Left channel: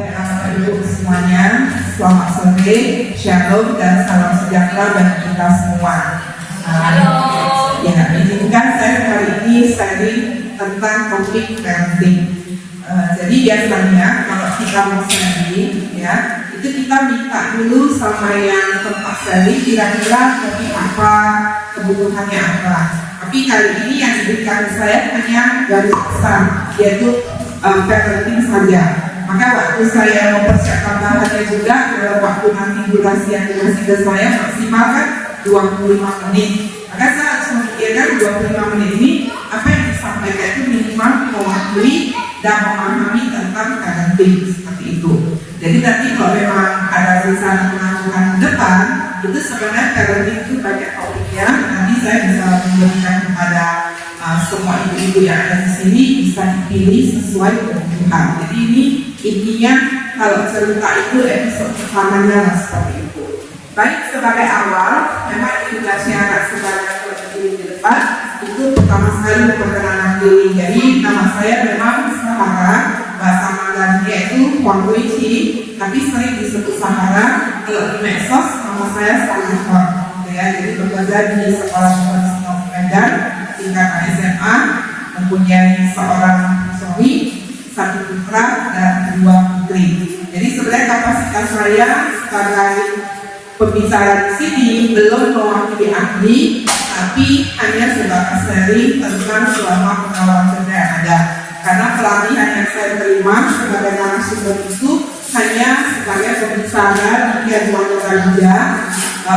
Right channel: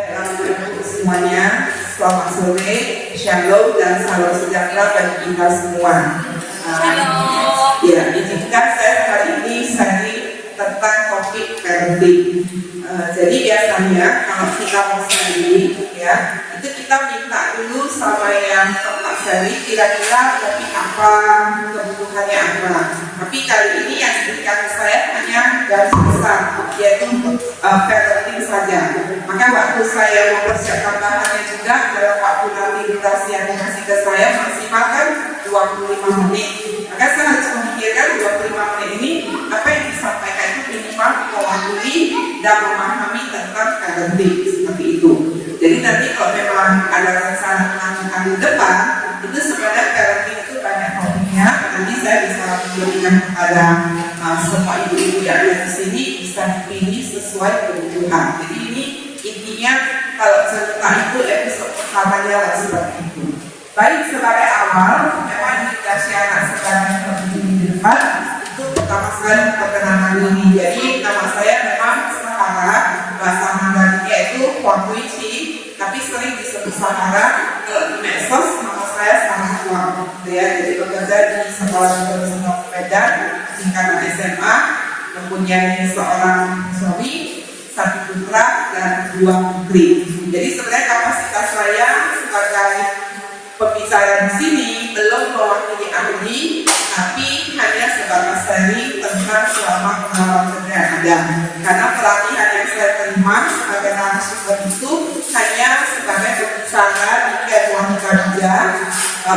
Bapak Ibu semuanya, selamat sore, shalom dan salam sejahtera bagi kita semua. Ya, izinkan saya hari ini sharing tentang topik parenting. Jadi biasanya kalau kita mau sharing, ya, itu kita minta dulu sama yang tempat sharing kira-kira topik apa, kebutuhannya apa. Tapi kali ini yang diberikan saya hanya garis besar, yaitu parenting saja. Maka waktu saya mempersiapkan bahannya juga dalam waktu nanti durasi yang dikasih ke saya maksimal kan 25 menit. Maka saya harus memikirkan 25 menit ini apa yang disampaikan itu minimal mewakili dan memahami tentang parenting seperti itu. Jadi nanti kalau memang ada rencana penanganan di depan, itu sebenarnya parenting itu banyak topiknya. Nanti saya bisa memberikan kepada semua ibu-ibu yang ada di sini bisa dipilih sesuai kebutuhan. Jadi ini intinya kalau cerita itu episode pertamanya lah seperti itu. Baik, sebagai awal, memang edukasi anak sebanyak di depan itu pertama sekali perkenalan diri. Jadi nama saya memang Sahara, bahasa Mandarinnya itu Huangguiqi, tapi sering disebut Sahara. Di medsos nama saya Sahara. Ya, jadi bekerja di Sekolah Profesional Medan tingkatan SMA, mempunyai seorang suami, satu putra dan 2 putri. Jadi sebenarnya kapasitas saya sebagai pembicara di sini belum mewakili ahli, tapi hanya sebagai sharing tentang selama pengalaman kerja yang ada. Karena pelatihan yang saya terima sebagai narasumber itu hanya sebagai pembicara di luar kerja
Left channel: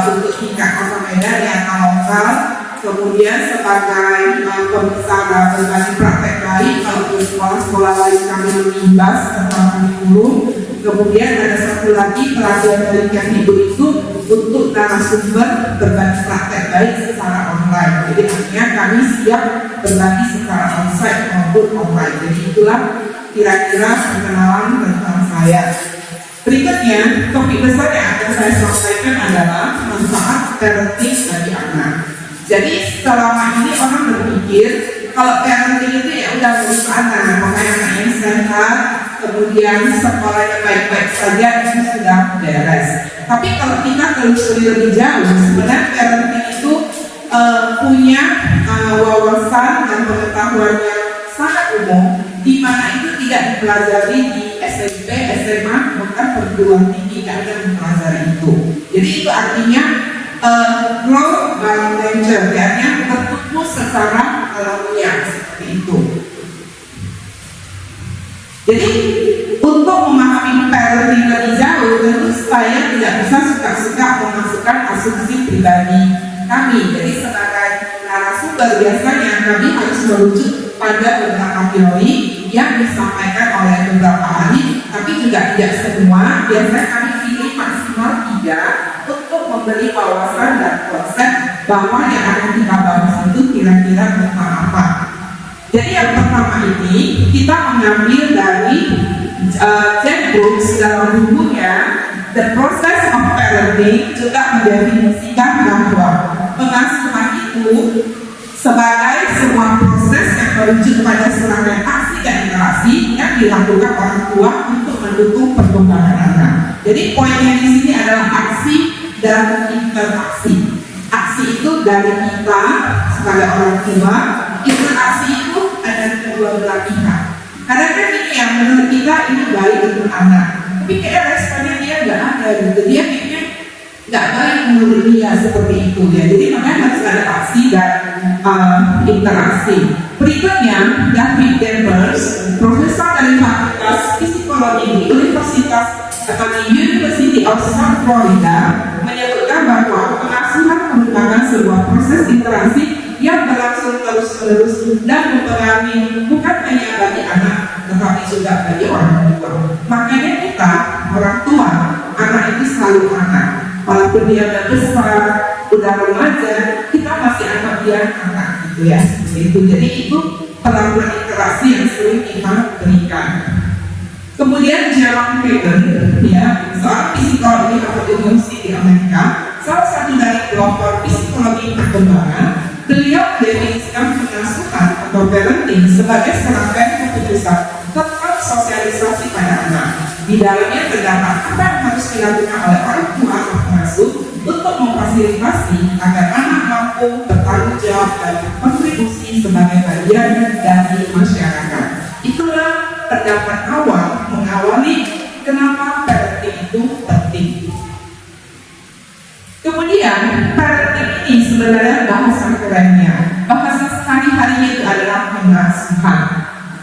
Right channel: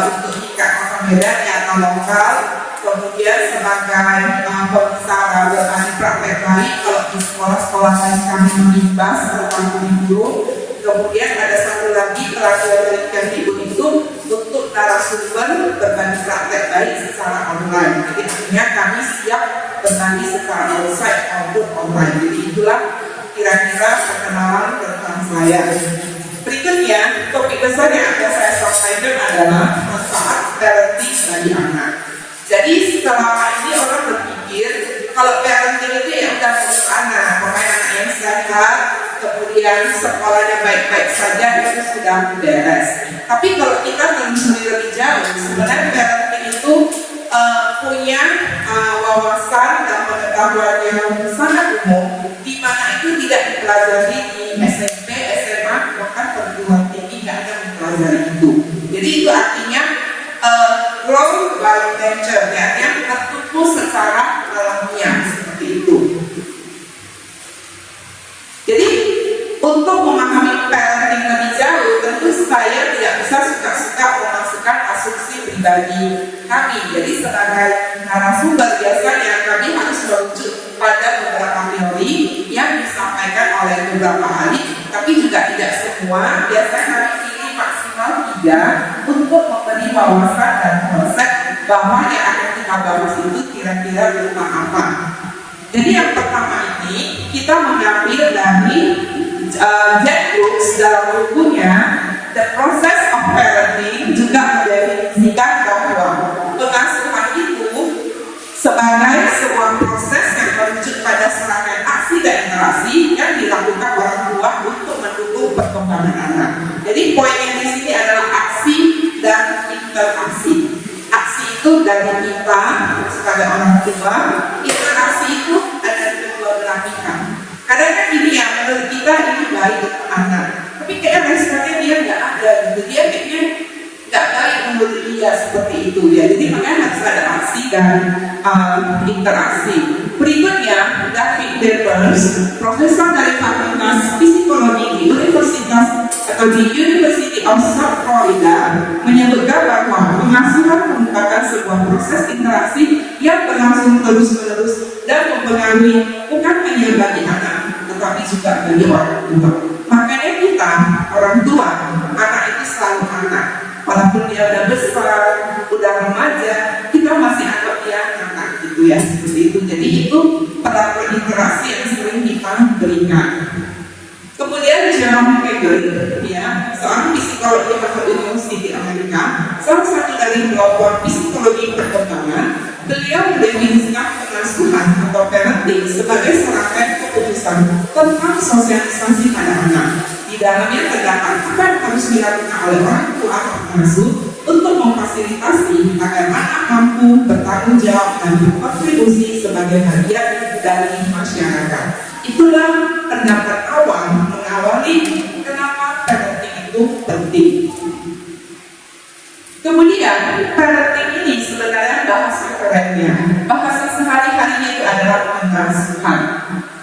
untuk tingkat Kota Medan yang lokal. Kemudian sebagai pembicara berbagi praktek baik kalau di sekolah-sekolah lain kami mengimbas tentang kurikulum. Kemudian ada satu lagi pelatihan dari Kemdikbud itu untuk narasumber berbagi praktek baik secara online. Jadi artinya kami siap berbagi secara onsite maupun online. Jadi itulah kira-kira perkenalan tentang saya. Berikutnya, topik besar yang akan saya sampaikan adalah manfaat parenting bagi anak. Jadi selama ini orang berpikir kalau parenting itu ya udah ngurus anak, pemain anak yang sehat, kemudian sekolahnya baik-baik saja itu sudah beres. Tapi kalau kita telusuri lebih jauh, sebenarnya parenting itu punya wawasan dan pengetahuan yang sangat umum, di mana itu tidak dipelajari di SMP, SMA, bahkan perguruan tinggi nggak ada mempelajari itu. Jadi itu artinya grow by nature, artinya tertumbuh secara alamiah seperti itu. Jadi untuk memahami parenting lebih jauh, tentu saya tidak bisa suka-suka memasukkan asumsi pribadi kami. Jadi sebagai narasumber biasanya kami harus merujuk pada beberapa teori yang disampaikan oleh beberapa ahli, tapi juga tidak semua. Biasanya kami pilih maksimal 3 untuk memberi wawasan dan konsep bahwa yang akan kita bahas itu kira-kira tentang apa. Jadi yang pertama ini kita mengambil dari Jack Brooks dalam bukunya The Process of Parenting juga mendefinisikan bahwa pengasuhan itu sebagai sebuah proses yang merujuk pada serangkaian aksi dan interaksi yang dilakukan orang tua untuk mendukung perkembangan anak. Jadi poinnya di sini adalah aksi dan interaksi. Aksi itu dari kita sebagai orang tua, interaksi itu ada di kedua belah pihak. Karena kan ini yang menurut kita ini baik untuk anak, tapi kayak responnya dia nggak ada gitu. Dia kayaknya nggak baik menurut dia seperti itu ya. Jadi makanya harus ada aksi dan interaksi. Berikutnya, David Denvers, profesor dari Fakultas Psikologi di Universitas atau di University of South Florida, menyebutkan bahwa pengasuhan merupakan sebuah proses interaksi yang berlangsung terus-menerus dan mempengaruhi bukan hanya bagi anak, tetapi juga bagi orang tua. Makanya kita, orang tua, anak itu selalu anak. Walaupun dia udah besar, udah remaja, kita masih anggap dia anak gitu ya. Itu jadi itu perlakuan interaksi yang sering kita berikan. Kemudian Jerome Pagan, ya, seorang psikolog di Harvard University Amerika, salah satu dari pelopor psikologi perkembangan, Beliau mendefinisikan pengasuhan atau parenting sebagai serangkaian keputusan tentang sosialisasi pada anak. Di dalamnya terdapat apa yang harus dilakukan oleh orang tua atau pengasuh untuk memfasilitasi agar anak mampu bertanggung jawab dan berkontribusi sebagai bagian dari masyarakat. Itulah pendapat awam mengawali kenapa parenting itu penting. Kemudian, parenting ini sebenarnya bahasa kerennya. Bahasa sehari-hari itu adalah pengasuhan.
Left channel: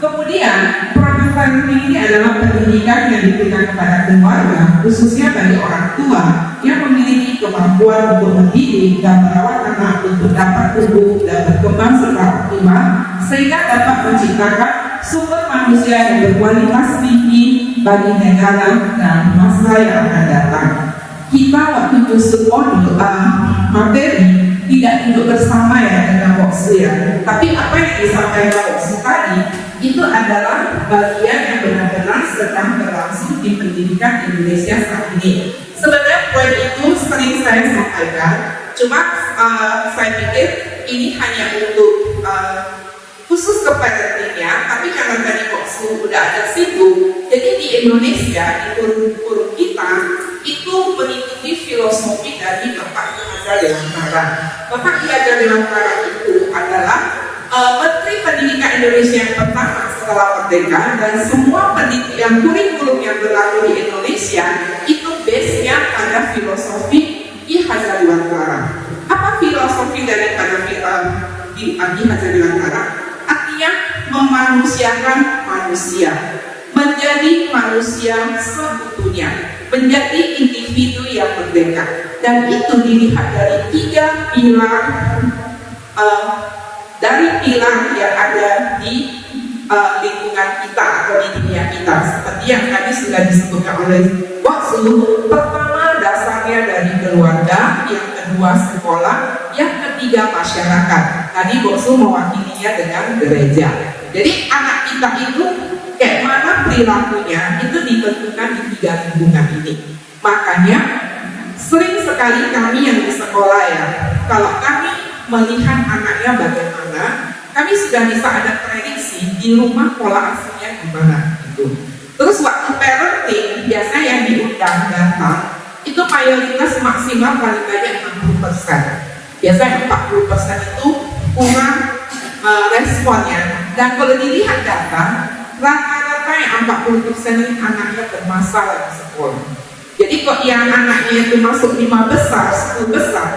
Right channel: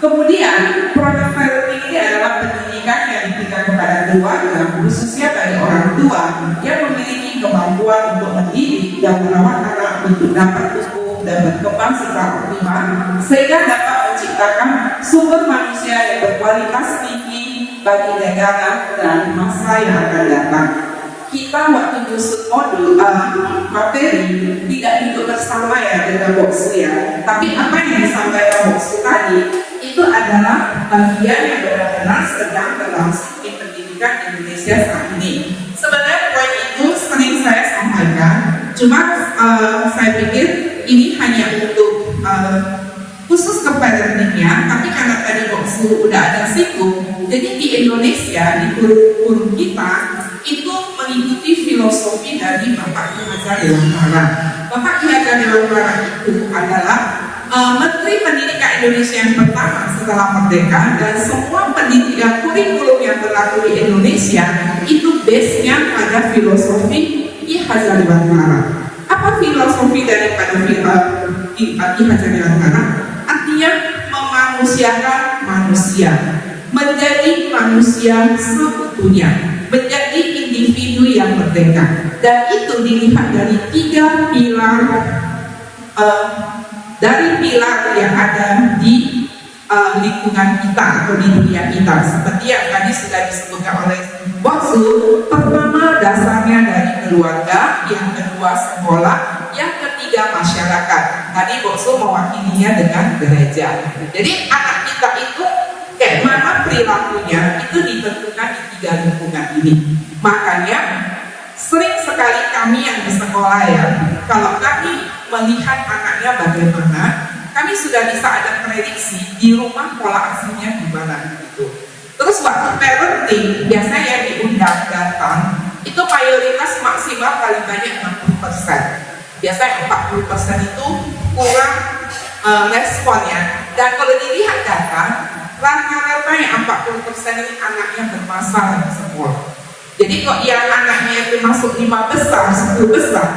Kemudian, program parenting ini adalah pendidikan yang diberikan kepada keluarga, khususnya dari orang tua yang memiliki kemampuan untuk mendidik dan merawat anak untuk dapat tumbuh dan berkembang secara optimal, sehingga dapat menciptakan sumber manusia yang berkualitas tinggi bagi negara dan masa yang akan datang. Kita waktu kusut modul materi tidak duduk bersama ya dengan Boksu ya, tapi apa yang disampaikan Boksu tadi itu adalah bagian yang benar-benar sedang berlangsung di pendidikan Indonesia saat ini. Sebenarnya poin itu sering saya sampaikan, cuma saya pikir ini hanya untuk khusus ke parentingnya, tapi karena tadi Boksu udah ada singgung, jadi di Indonesia, di kurikulum kita itu mengikuti filosofi dari Bapak Ki Hajar Dewantara. Bapak Ki Hajar Dewantara itu adalah Menteri Pendidikan Indonesia yang pertama setelah merdeka, dan semua pendidikan kurikulum yang berlaku di Indonesia itu base-nya pada filosofi Ki Hajar Dewantara. Apa filosofi daripada Ki Hajar Dewantara? Artinya memanusiakan manusia, menjadi manusia seutuhnya, menjadi individu yang merdeka. Dan itu dilihat dari tiga pilar yang ada di lingkungan kita atau di dunia kita. Seperti yang tadi sudah disebutkan oleh Boksu, pertama dasarnya dari keluarga, yang kedua sekolah, yang ketiga masyarakat. Tadi Boksu mewakilinya dengan gereja. Jadi anak kita itu kayak mana perilakunya itu ditentukan di tiga lingkungan ini. Makanya sering sekali kami yang di sekolah ya, kalau kami melihat anaknya bagaimana, kami sudah bisa ada prediksi di rumah pola asuhnya gimana gitu. Terus waktu parenting biasanya yang diundang datang itu mayoritas maksimal paling banyak 60%. Biasanya 40% itu kurang responnya. Dan kalau dilihat data, rata-rata yang 40% ini anaknya bermasalah di sekolah. Jadi kok yang anaknya itu masuk 5 besar, 10 besar,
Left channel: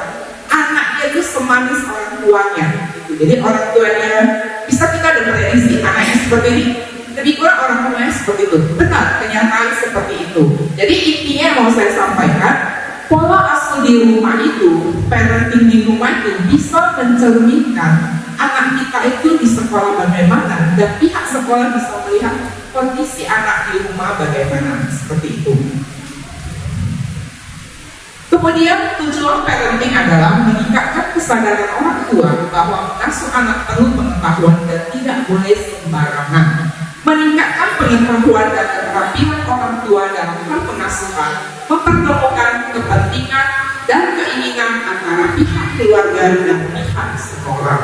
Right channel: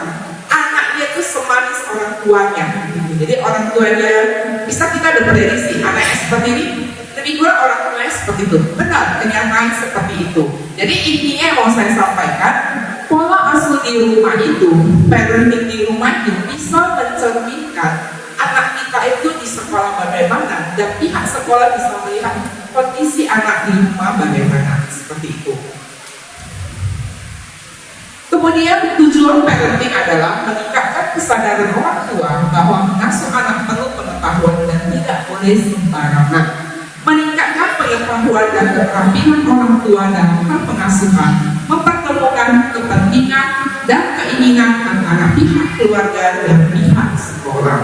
anaknya itu semanis orang tuanya gitu. Jadi orang tuanya bisa kita ada prediksi anaknya seperti ini, lebih kurang orang tuanya seperti itu. Benar, kenyataan seperti itu. Jadi intinya yang mau saya sampaikan, pola asuh di rumah itu, parenting di rumah itu bisa mencerminkan anak kita itu di sekolah bagaimana, dan pihak sekolah bisa melihat kondisi anak di rumah bagaimana, seperti itu. Kemudian tujuan parenting adalah meningkatkan kesadaran orang tua bahwa mengasuh anak perlu pengetahuan dan tidak boleh sembarangan. Meningkatkan pengetahuan dan keterampilan orang tua dalam hal pengasuhan, mempertemukan kepentingan dan keinginan antara pihak keluarga dan pihak sekolah.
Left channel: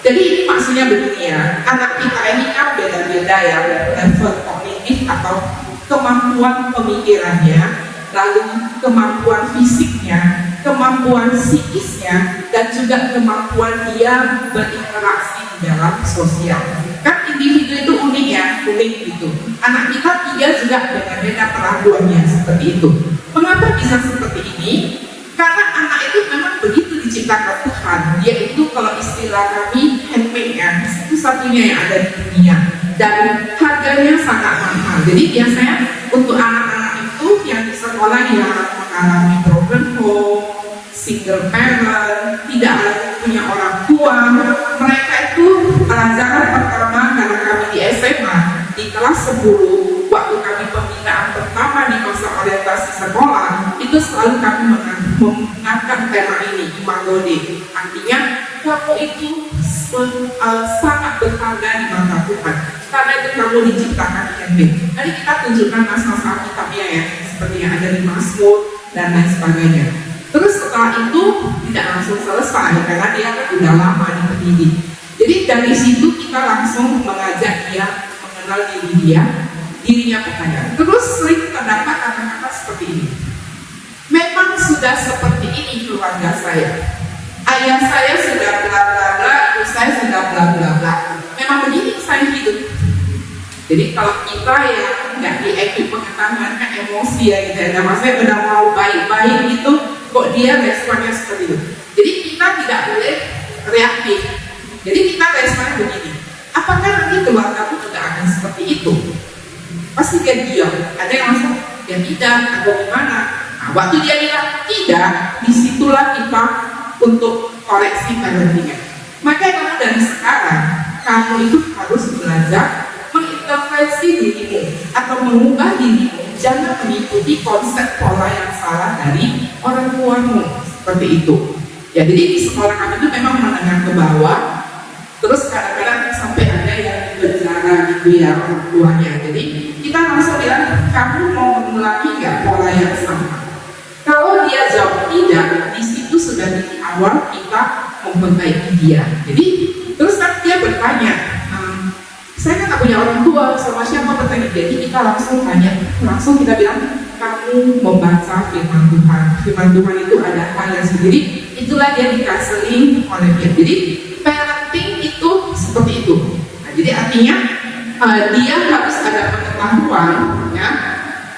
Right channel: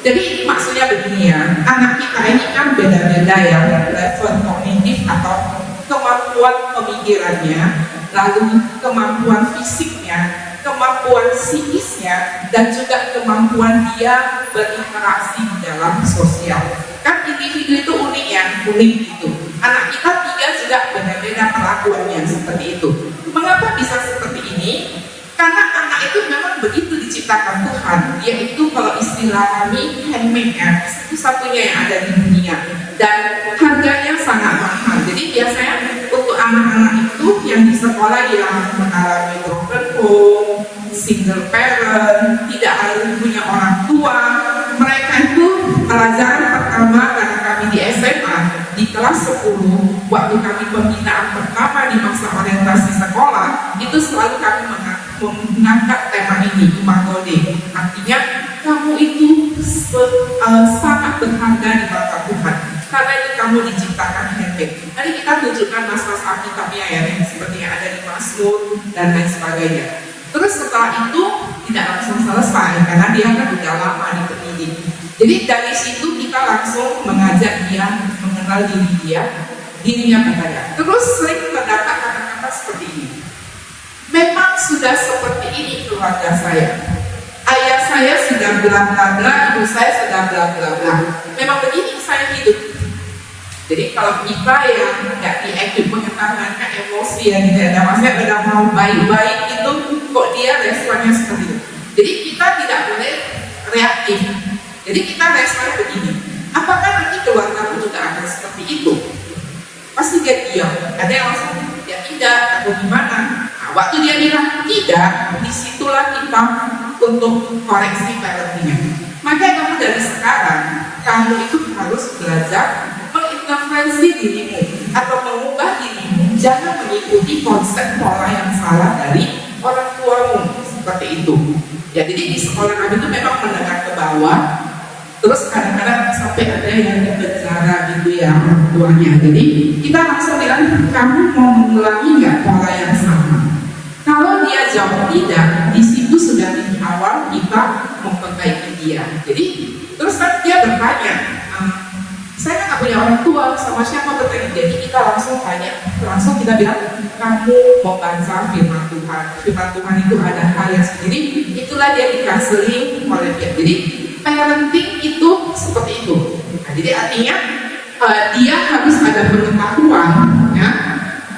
Jadi maksudnya begini ya, anak kita ini kan beda-beda ya, level kognitif atau kemampuan pemikirannya, lalu kemampuan fisiknya, kemampuan psikisnya, dan juga kemampuan dia berinteraksi di dalam sosial. Kan individu itu unik ya, unik gitu. Anak kita tiga juga beda-beda perlakuannya seperti itu. Mengapa bisa seperti ini? Karena anak itu memang begitu diciptakan Tuhan. Dia itu kalau istilah kami handmade ya, satu-satunya yang ada di dunia. Dan harganya sangat mahal. Jadi biasanya untuk anak-anak itu yang di sekolah yang mengalami broken home, single parent, tidak punya orang tua, mereka itu pelajaran pertama karena kami di SMA di kelas 10, waktu kami pembinaan pertama di masa orientasi sekolah, itu selalu kami mengangkat tema ini, Imago Dei. Artinya kamu itu sangat berharga di mata Tuhan, karena itu kamu diciptakan handmade. Tadi kita tunjukkan masa-masa kitabnya ya, seperti yang ada di Mazmur dan lain sebagainya. Terus setelah itu tidak langsung selesai karena dia kan udah lama di pendidik. Jadi dari situ kita langsung mengajak dia mengenal dirinya bertanya. Terus sering terdapat kata-kata seperti ini. Memang sudah seperti ini keluarga saya. Ayah saya sudah bla bla bla, ibu saya sudah bla bla bla. Memang begini saya hidup. Jadi kalau kita yang nggak dieduk mengetahukan emosi yang gitu ya, maksudnya udah mau baik-baik itu, kok dia responnya seperti itu. Jadi kita tidak boleh reaktif. Jadi kita responnya begini. Apakah nanti keluarga pun juga akan seperti itu? Pasti dia diam. Ada yang langsung ya tidak atau gimana. Nah, waktu dia bilang tidak, disitulah kita untuk koreksi parentingnya. Makanya kamu dari sekarang, kamu itu harus belajar mengintervensi dirimu atau mengubah dirimu. Jangan mengikuti konsep pola yang salah dari orang tuamu seperti itu. Ya, jadi di sekolah kami itu memang menengah ke bawah. Terus kadang-kadang sampai ada yang berbicara gitu ya orang tuanya. Jadi kita langsung bilang, kamu mau mengulangi nggak pola yang sama? Kalau dia jawab tidak, di situ sudah di awal kita memperbaiki dia. Jadi terus dia bertanya, saya kan nggak punya orang tua, sama siapa bertanya? Jadi kita langsung tanya, langsung kita bilang, kamu membaca firman Tuhan. Firman Tuhan itu ada hal yang sendiri, itulah dia dikasih oleh dia. Jadi parenting itu seperti itu. Nah, jadi artinya dia harus ada pengetahuan, ya,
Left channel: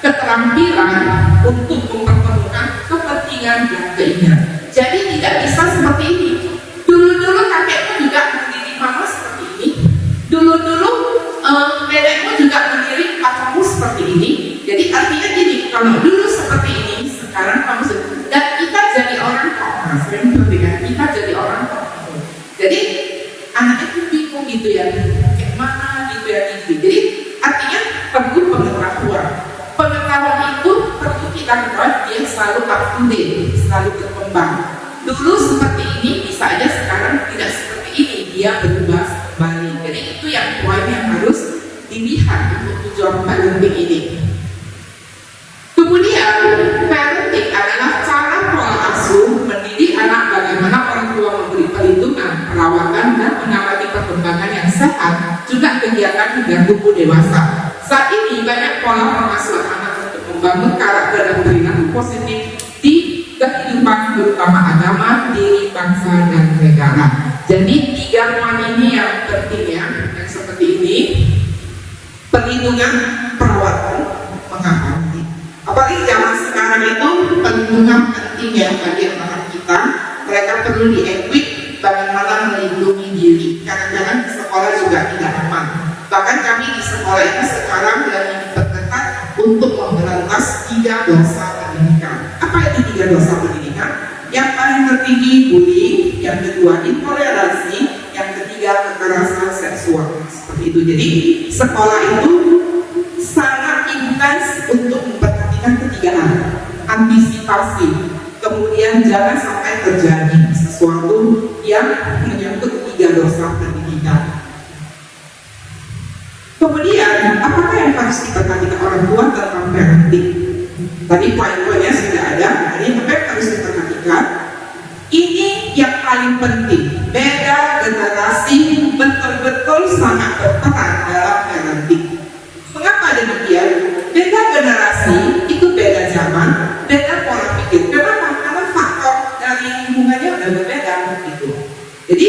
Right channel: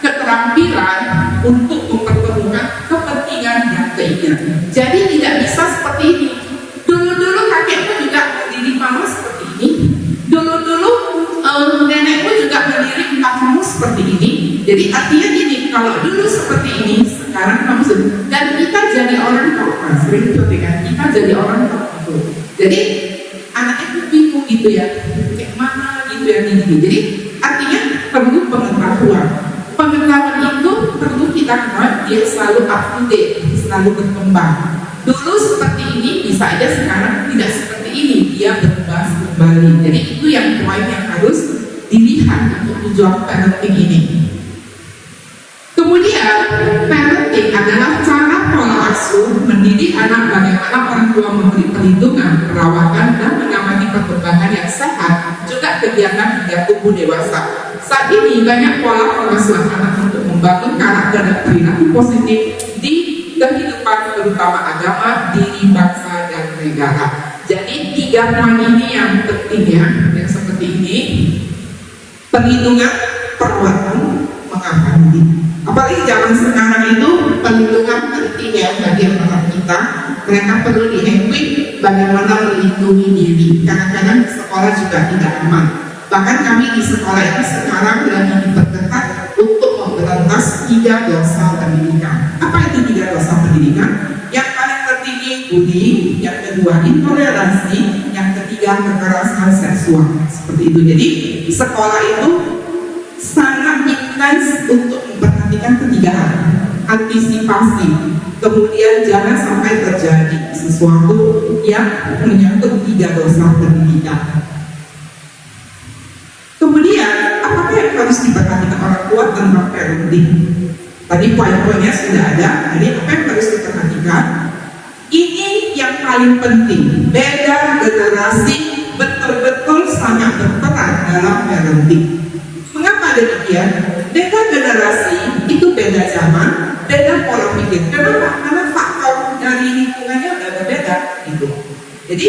keterampilan untuk mempertemukan kepentingan dan keinginan. Jadi tidak bisa seperti ini. Dulu-dulu kakekmu juga mendidik mama seperti ini. Dulu-dulu nenekmu juga mendidik papamu seperti ini. Jadi artinya gini, kalau dulu seperti ini, sekarang kamu sudah. Dan kita jadi orang tua, sering seperti kan? Kita jadi orang tua. Jadi anaknya itu bingung gitu ya, kayak mana gitu ya gitu. Jadi artinya perlu pengetahuan. Pengetahuan itu perlu kita kenal, dia selalu up to date, selalu berkembang. Dulu seperti ini, bisa aja sekarang tidak seperti ini, dia berubah kembali. Jadi itu yang poin yang harus dilihat untuk tujuan parenting ini. Kemudian parenting adalah cara pola asuh mendidik anak bagaimana orang tua memberi perlindungan, perawatan dan mengamati perkembangan yang sehat, juga kegiatan hingga tumbuh dewasa. Saat ini banyak pola pengasuhan anak untuk membangun karakter dan perilaku positif di kehidupan terutama agama, diri, bangsa dan negara. Jadi 3 poin ini yang pentingnya, yang seperti ini: perlindungan, perawatan, mengamati. Apalagi zaman sekarang itu perlindungan penting ya bagi anak kita. Mereka perlu di-equip bagaimana melindungi diri. Kadang-kadang sekolah juga tidak aman. Bahkan kami di sekolah itu sekarang lagi diperketat untuk memberantas 3 dosa pendidikan. Apa itu 3 dosa pendidikan? Yang paling tertinggi bullying, yang kedua intoleransi, yang ketiga kekerasan seksual. Seperti itu. Jadi sekolah itu sangat intens untuk memperhatikan 3 hal. Antisipasi, kemudian jangan sampai terjadi sesuatu yang menyangkut 3 dosa pendidikan. Kemudian, apakah yang harus diperhatikan orang tua tentang parenting? Tadi poin-poinnya sudah ada. Jadi apa yang harus diperhatikan? Ini yang paling penting. Beda generasi betul-betul sangat berperan dalam parenting. Mengapa demikian? Beda generasi itu beda zaman, beda pola pikir. Kenapa? Karena faktor dari lingkungannya udah berbeda. Gitu. Jadi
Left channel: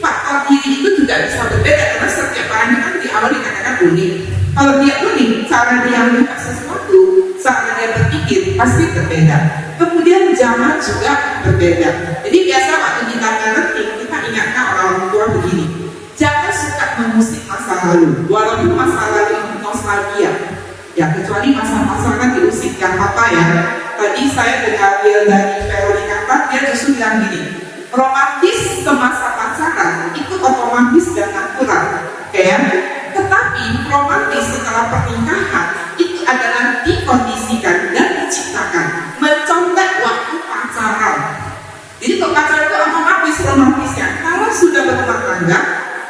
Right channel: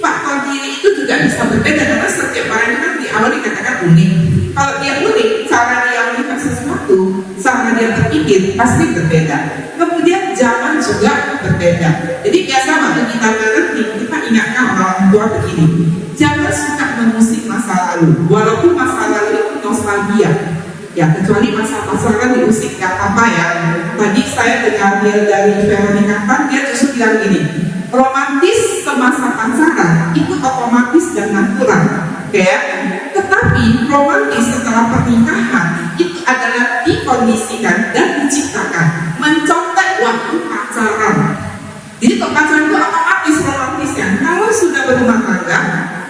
faktor diri itu juga bisa berbeda karena setiap orang kan di awal dikatakan unik. Kalau dia unik, cara dia melihat sesuatu, cara dia berpikir pasti berbeda. Kemudian zaman juga berbeda. Jadi biasa waktu kita parenting, kita ingatkan orang tua begini: jangan suka mengusik masa lalu, walaupun masa lalu itu nostalgia. Ya kecuali masa-masa kan diusik gak apa ya. Tadi saya dengar dari Veronica Tan, dia justru bilang gini: romantis semasa pacaran itu otomatis dan natural, ya. Tetapi romantis setelah pernikahan itu adalah dikondisikan dan diciptakan, mencontek waktu pacaran. Jadi kalau pacaran itu otomatis romantis ya. Kalau sudah berumah tangga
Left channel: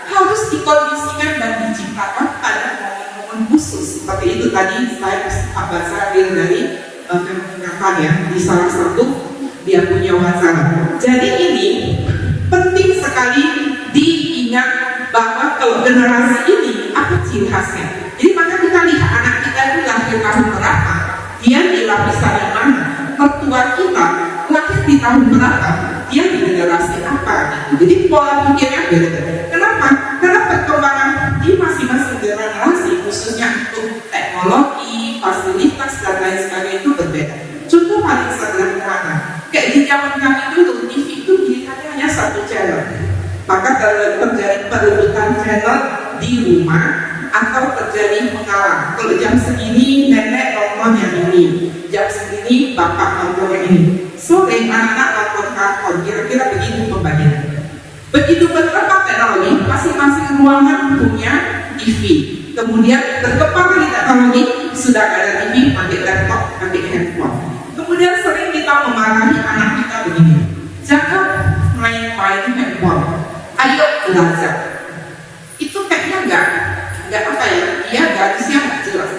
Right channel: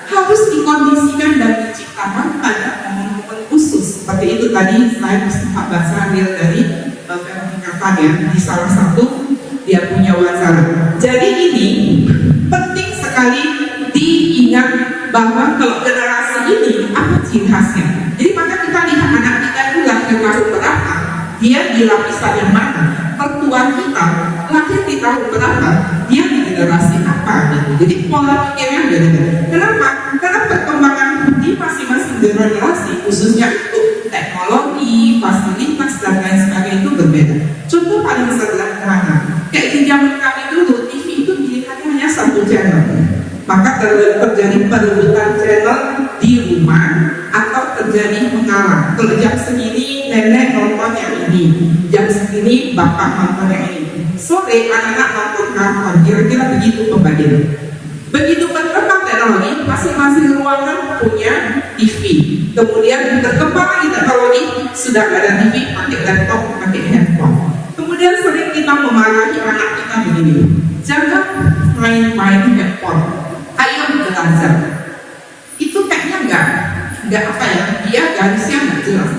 harus dikondisikan dan diciptakan pada momen-momen khusus. Seperti itu tadi saya sempat baca dari Veronica Tan ya, di salah satu dia punya wawancara. Jadi ini penting sekali diingat bahwa kalau generasi ini apa ciri khasnya. Jadi maka kita lihat anak kita itu lahir tahun berapa, dia di lapisan yang mana, mertua kita lahir di tahun berapa, dia di generasi apa gitu. Jadi pola pikirnya beda. Kenapa? Karena perkembangan di masing-masing generasi, khususnya untuk teknologi, fasilitas dan lain sebagainya itu berbeda. Contoh paling sederhana, kayak di zaman kami dulu TV itu dilihatnya hanya satu channel. Maka terjadi perebutan channel di rumah atau terjadi mengalah. Kalau jam segini nenek nonton yang ini, jam segini bapak nonton yang ini, sore anak-anak nonton kartun. Kira-kira begitu pembagian. Begitu berkembang teknologi, masing-masing ruangan punya TV. Kemudian berkembang lagi teknologi, sudah ada TV, pakai laptop, pakai handphone. Kemudian sering kita memarahi anak kita begini, jangan main-main handphone, ayo belajar. Itu kayaknya enggak apa ya, dia garisnya enggak jelas.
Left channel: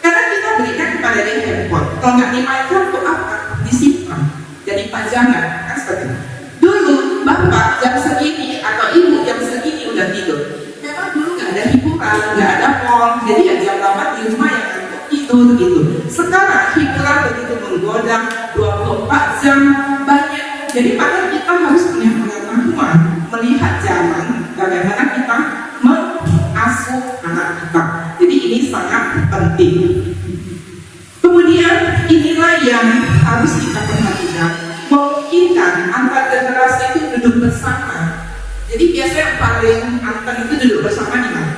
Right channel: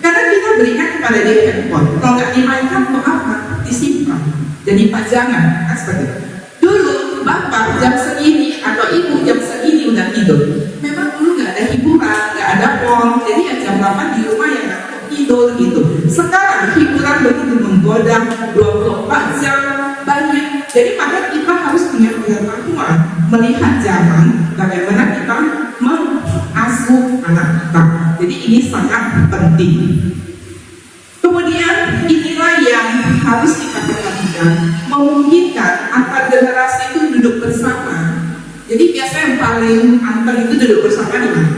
Karena kita berikan kepada dia handphone, kalau nggak dimainkan untuk apa? Disimpan, jadi pajangan, kan seperti itu. Dulu bapak jam segini atau ibu jam segini udah tidur. Memang dulu nggak ada hiburan, nggak ada pon, jadi ya jam 8 di rumah ya tidur gitu. Sekarang hiburan begitu menggoda, 24 jam banyak. Jadi maka kita harus punya pengetahuan melihat zaman bagaimana kita mengasuh anak kita. Jadi ini sangat penting. Kemudian inilah yang harus kita perhatikan, memungkinkan antar generasi itu duduk bersama. Jadi biasanya yang paling antar itu duduk bersama di mana?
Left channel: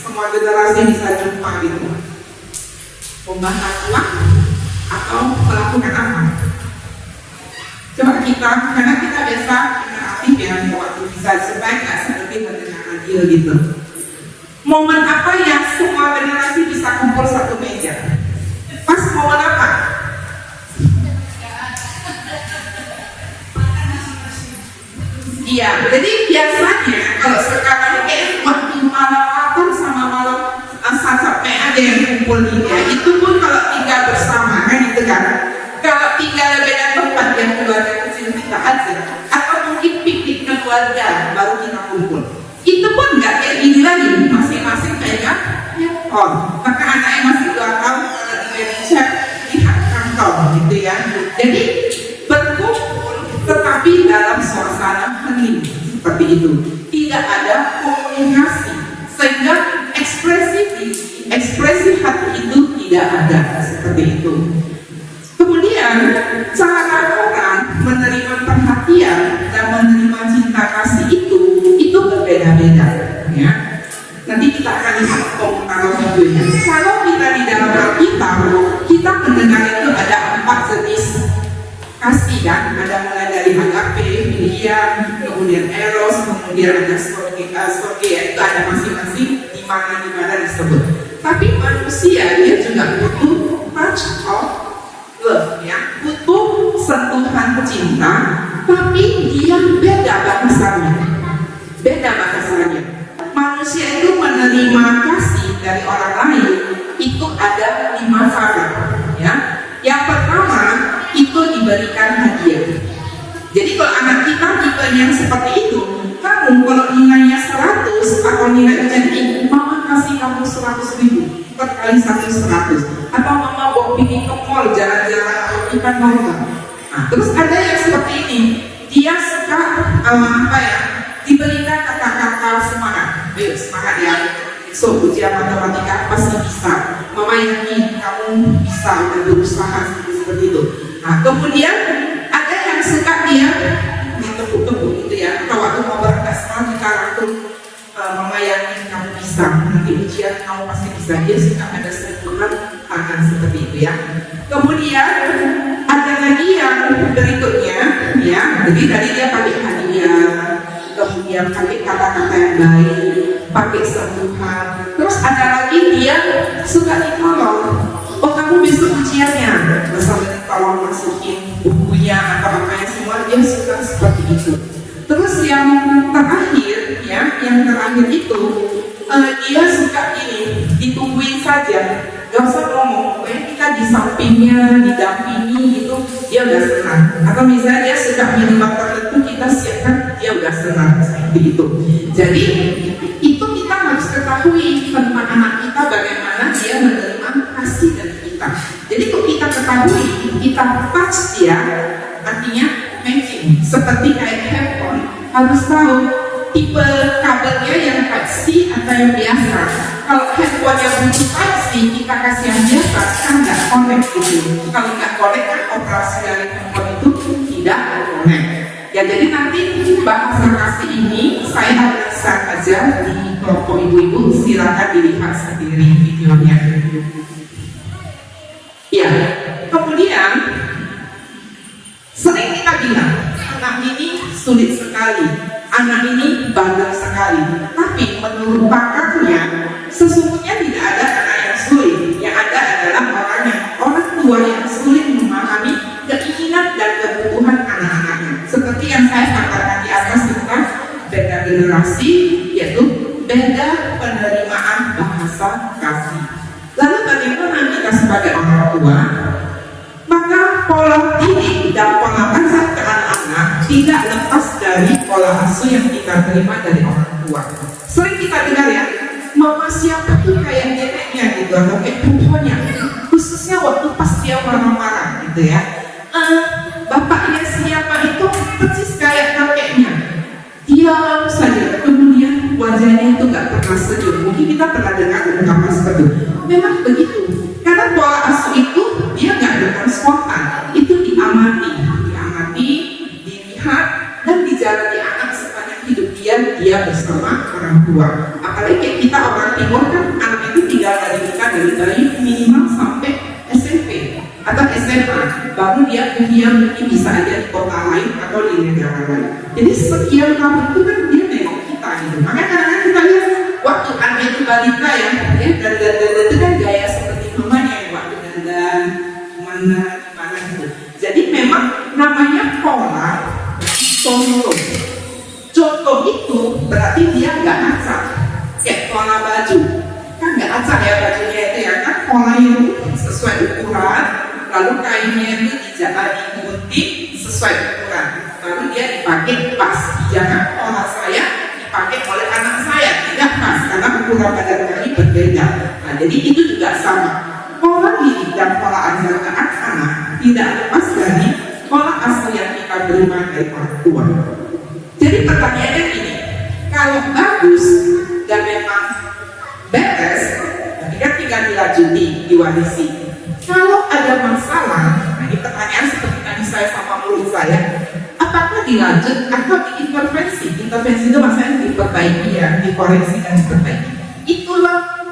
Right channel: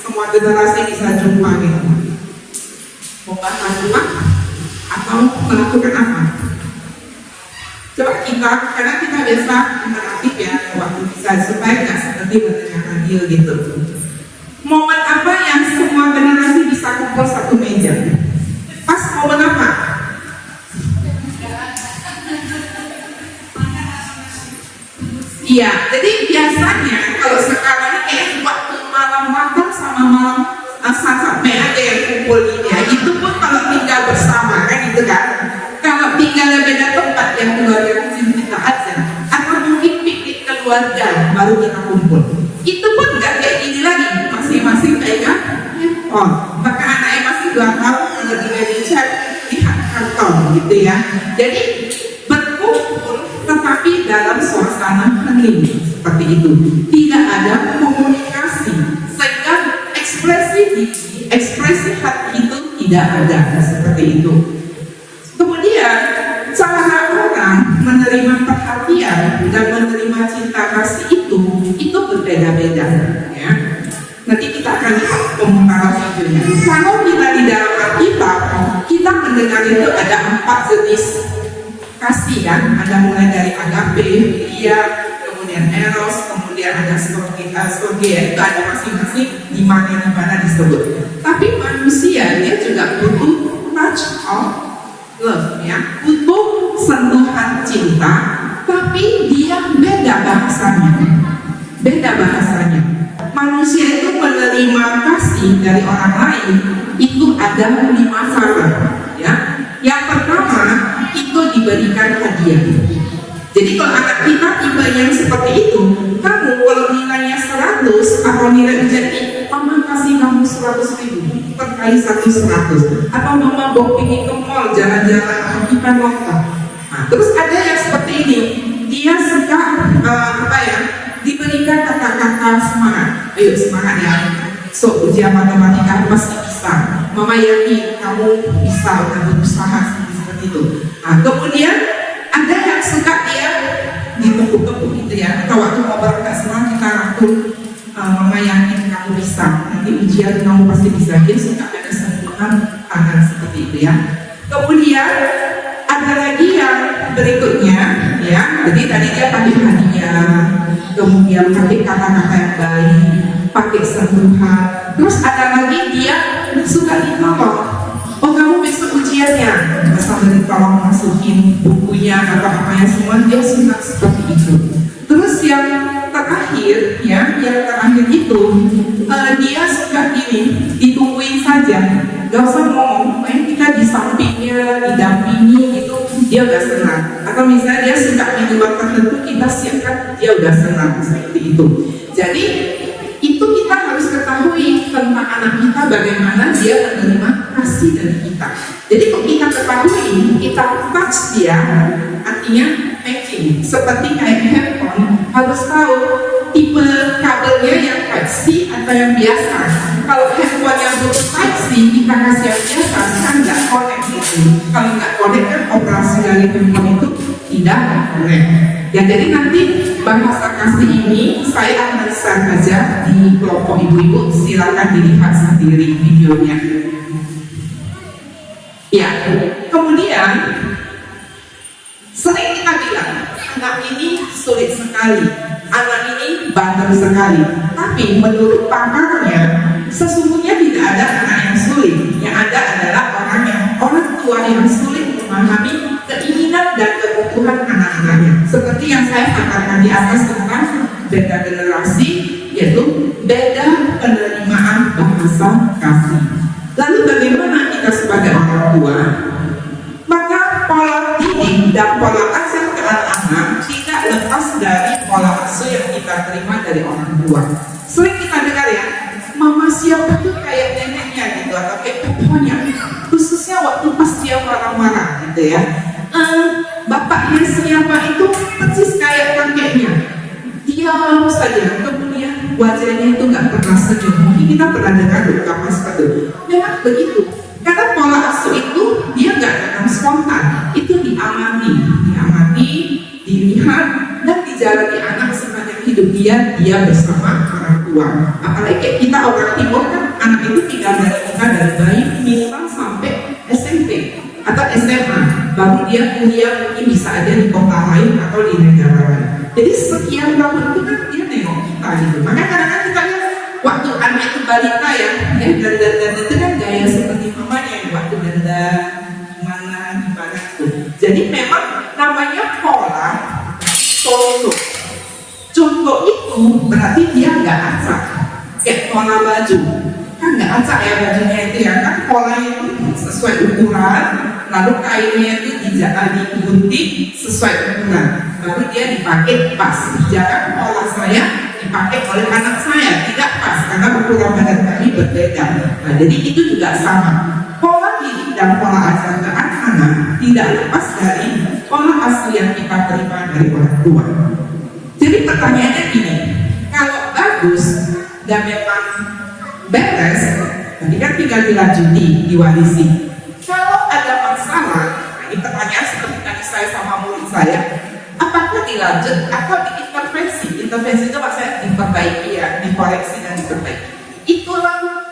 Semua generasi bisa jumpa gitu. Membahas ulang atau melakukan apa? Coba kita, karena kita biasa interaktif ya waktu bisa supaya nggak seperti mendengar radio gitu. Momen apa yang semua generasi bisa kumpul satu meja? Pas momen apa? Iya, jadi biasanya kalau sekarang waktu malam makan sama malam sampai ada yang kumpul ya. Itu pun kalau tinggal bersama kan itu kan. Kalau tinggal beda tempat yang keluarga kecil kita aja, atau mungkin piknik keluarga baru kita kumpul. Itu pun nggak kayak gini lagi, masing-masing kayaknya maka anak yang masih 2 tahun kalau di media chat lihat kantong gitu ya. Jadi berkumpul tetapi dalam suasana hening seperti itu, tidak ada komunikasi sehingga ekspresi hati itu tidak ada seperti itu. Kemudian cara orang menerima perhatian dan menerima cinta kasih itu berbeda-beda ya. Nanti kita akan lihat komentar videonya. Kalau kita di dalam Alkitab, kita mendengar itu ada 4 jenis kasih kan. Ada mulai dari agape, filia, kemudian eros, kemudian ada storge, itu ada masing-masing di mana disebut. Tapi manusia dia juga butuh touch of love ya, butuh sentuhan cinta, tapi dia beda bahasanya. Manusia itu menerima kasih dari orang lain itu ada 5 cara ya. Yang pertama itu diberikan hadiah. Jadi kalau anak kita tipe yang seperti itu, kamu kalau nilainya 100 atau nilai ujian ini, mama kasih kamu 100.000 per kali 100, atau mama bawa pergi ke mall jalan-jalan atau kita nonton. Nah, terus ada yang seperti ini, dia suka diberikan kata-kata semangat. Ayo semangat ya, so ujian matematika pasti bisa. Mama yakin kamu bisa, udah berusaha seperti itu. Nah, kemudian ada yang suka dia tepuk-tepuk gitu ya. Kalau waktu mau berangkat semangat kita rangkul, mama yakin kamu bisa. Nanti ujian kamu pasti bisa. Dia suka ada sentuhan tangan seperti itu ya. Kemudian ada lagi yang berikutnya ya. Jadi tadi dia pakai hadiah, kemudian pakai kata-kata yang baik, pakai sentuhan. Terus ada lagi dia suka ditolong. Oh kamu besok ujiannya, sambil ditolong masukin bukunya atau apa-apa semua, dia suka seperti itu. Terus yang terakhir ya, itu dia suka ini, ditungguin saja, gak usah ngomong, pokoknya kita di sampingnya, didampingi gitu, dia udah senang. Atau misalnya dia suka minuman tertentu, kita siapkan, dia udah senang seperti itu. Jadi itu kita harus ketahui tentang anak kita, bagaimana dia menerima kasih dari kita. Jadi kalau kita ketahui, kita touch dia, artinya matching. Seperti kayak handphone, harus tahu tipe kabelnya yang Type C atau yang biasa. Kalau handphone yang butuh Type C, kita kasih yang biasa, kan nggak connect gitu. Kalau nggak connect kan operasi dari handphone itu tidak connect. Ya, jadi nanti bahasa kasih ini saya akan share aja di kelompok ibu-ibu, silakan dilihat sendiri videonya. Ya, kemudian sering kita bilang anak ini sulit sekali, anak ini bandel sekali. Tapi menurut pakarnya, sesungguhnya tidak ada anak yang sulit. Yang ada adalah orang tua yang sulit memahami keinginan dan kebutuhan anak-anaknya. Seperti yang saya katakan di atas tentang beda generasi, yaitu beda penerimaan bahasa kasih. Lalu bagaimana kita sebagai orang tua? Maka pola didik dan pola ajar ke anak-anak tidak lepas dari pola asuh yang kita terima dari orang tua. Sering kita dengar ya, mama siapa tuh kayak neneknya gitu, atau kayak pupunya, khususnya waktu pas dia marah-marah gitu ya. Bapaknya siapa itu persis kayak kakeknya, diam saja, kemudian wajahnya itu nggak pernah senyum. Mungkin kita pernah dengar ungkapan seperti itu. Memang begitu, karena pola asuh itu dia nggak datang spontan, itu diamati, dilihat dan dijalani anak sepanjang hidup dia bersama orang tua. Apalagi kayak kita orang timur kan, anak itu tinggal dari bayi minimal sampai SMP atau SMA, baru dia kuliah mungkin bisa aja di kota lain atau di negara lain. Jadi sekian tahun itu kan dia nengok kita gitu. Makanya kadang-kadang kita lihat waktu anak itu balita ya, dan itu kan gaya seperti mamanya yang waktu dandan mana gimana itu. Jadi memang namanya pola contoh. Contoh itu berarti dia nggak acak, kayak pola baju kan nggak acak ya bajunya itu ya kan, polanya itu sesuai ukuran, lalu kainnya itu digunting sesuai ukuran, baru dia dipakai pas. Jangan pola saya dipakai oleh anak saya, tidak pas karena ukuran badan kami berbeda. Nah, jadi itu juga sama. Pola didik dan pola ajar ke anak-anak tidak lepas dari pola asuh yang kita terima dari orang tua. Jadi pertanyaannya gini, kalau bagus dan memang beres, tadi kan tinggal dilanjuti, diwarisi. Kalau ada masalah, nah ini pertanyaan seperti tadi saya sama murid saya, apakah dilanjut atau diintervensi? Intervensi itu maksudnya diperbaiki ya, dikoreksi dan diperbaiki. Itulah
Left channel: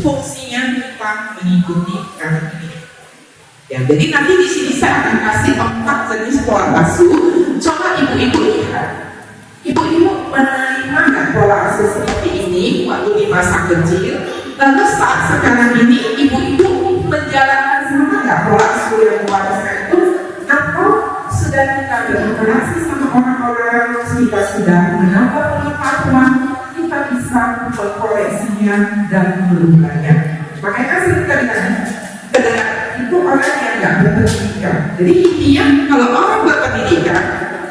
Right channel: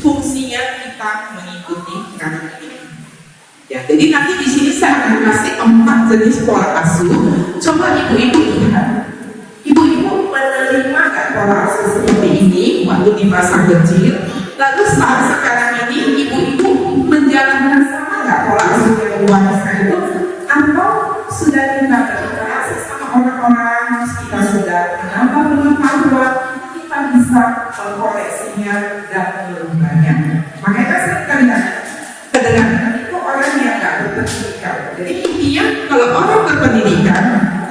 fungsinya kita mengikuti karakter ini. Ya, jadi nanti di sini saya akan kasih 4 jenis pola asuh. Coba ibu-ibu lihat. Ibu-ibu menerima nggak pola asuh seperti ini waktu di masa kecil? Lalu saat sekarang ini ibu-ibu menjalankan sama nggak pola asuh yang dewasa itu? Atau sudah kita berinteraksi sama orang-orang, kita sudah menambah pengetahuan, kita bisa mengkoreksinya dan merubahnya. Makanya kan sering kita dengar itu orang yang nggak berpendidikan. Jadi intinya kalau orang berpendidikan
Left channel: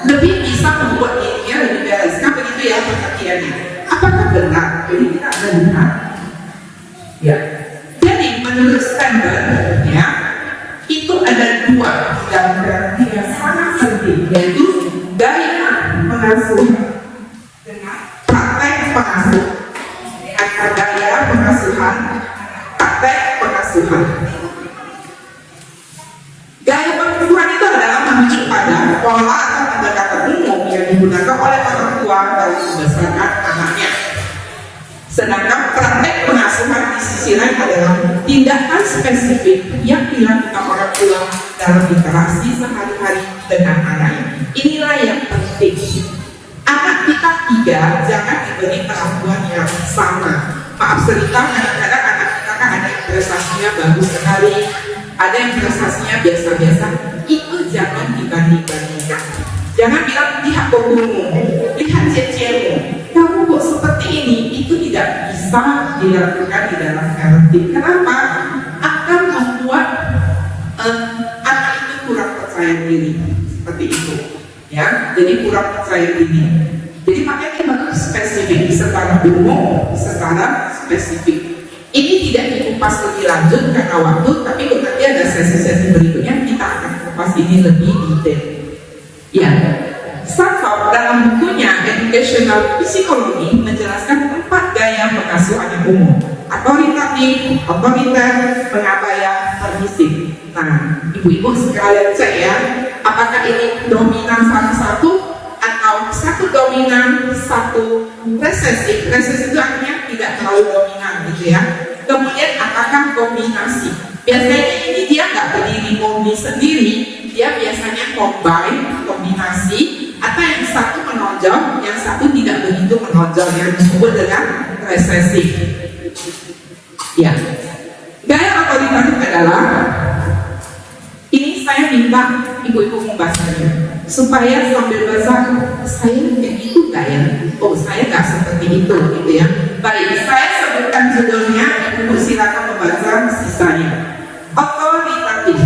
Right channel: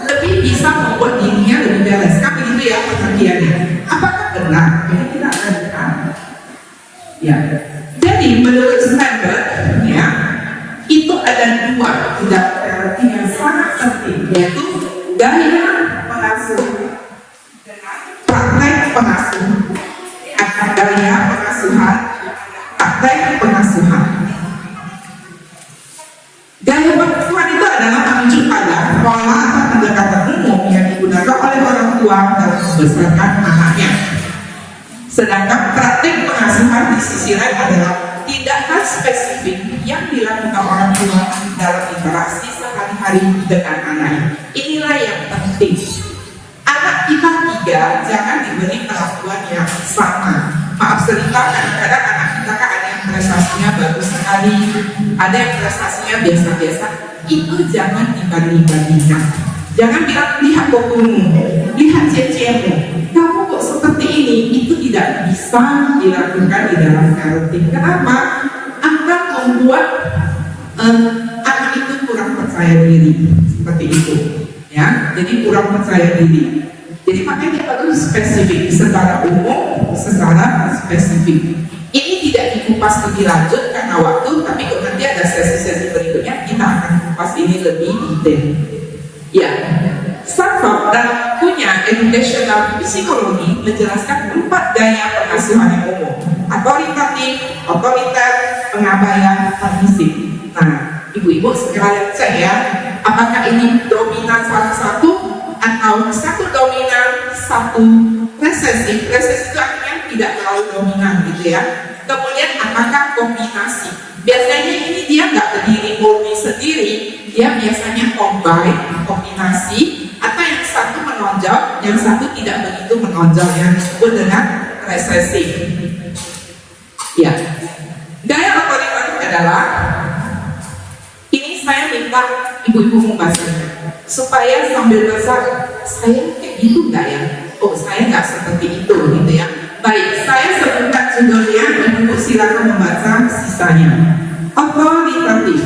lebih bisa membuat dirinya lebih beres. Kan begitu ya pengertiannya. Apakah benar? Jadi kita akan lihat. Ya. Jadi menurut Stanford ya, itu ada 2 variabel yang sangat penting, yaitu gaya pengasuh dengan praktek pengasuh, atau gaya pengasuhan, praktek pengasuhan. Gaya pengasuhan itu adalah menunjuk pada pola atau pendekatan umum yang digunakan oleh orang tua dalam membesarkan anaknya. Sedangkan praktek pengasuhan di sisi lain adalah tindakan spesifik yang dilakukan orang tua dalam interaksi sehari-hari dengan anaknya. Inilah yang penting. Anak kita 3 jangan diberi perlakuan yang sama. Maaf cerita, kadang-kadang anak kita kan ada yang prestasinya bagus sekali, ada yang prestasinya biasa-biasa. Itu jangan dibanding-bandingkan. Jangan bilang, lihat bokumu, lihat cecemu, kamu kok seperti ini. Itu tidak bisa dilakukan di dalam parenting. Kenapa? Akan membuat anak itu kurang percaya percaya diri seperti itu, ya. Jadi kurang percaya diri. Jadi makanya dia bagus spesifik, secara umum, secara spesifik. Ini tidak dikupas lebih lanjut karena waktu, tapi nanti ada sesi-sesi berikutnya kita akan kupas ini lebih detail. Ya, Stanford dalam bukunya Educational Psychology menjelaskan 4 gaya pengasuhan yang umum: otoritatif, otoriter, pengabaian, permisif. Nah, ibu-ibu sekalian cek ya, apakah ini dominan satu-satu atau satu dominan, satu resesif. Resesif itu artinya tidak terlalu dominan gitu ya. Kemudian apakah kombinasi? Biasanya ini dia nggak berdiri murni sendiri, dia biasanya combine, kombinasi, atau yang satu menonjol, yang satu tidak begitu menonjol, yang disebut dengan resesif. Ya, gaya otoritatif adalah, ini saya minta ibu-ibu membahasnya supaya sambil baca, saya kayak gitu nggak ya? Oh, saya nggak seperti itu gitu ya. Baik, saya sebutkan judulnya, ibu silakan membaca sisanya. Otoritatif.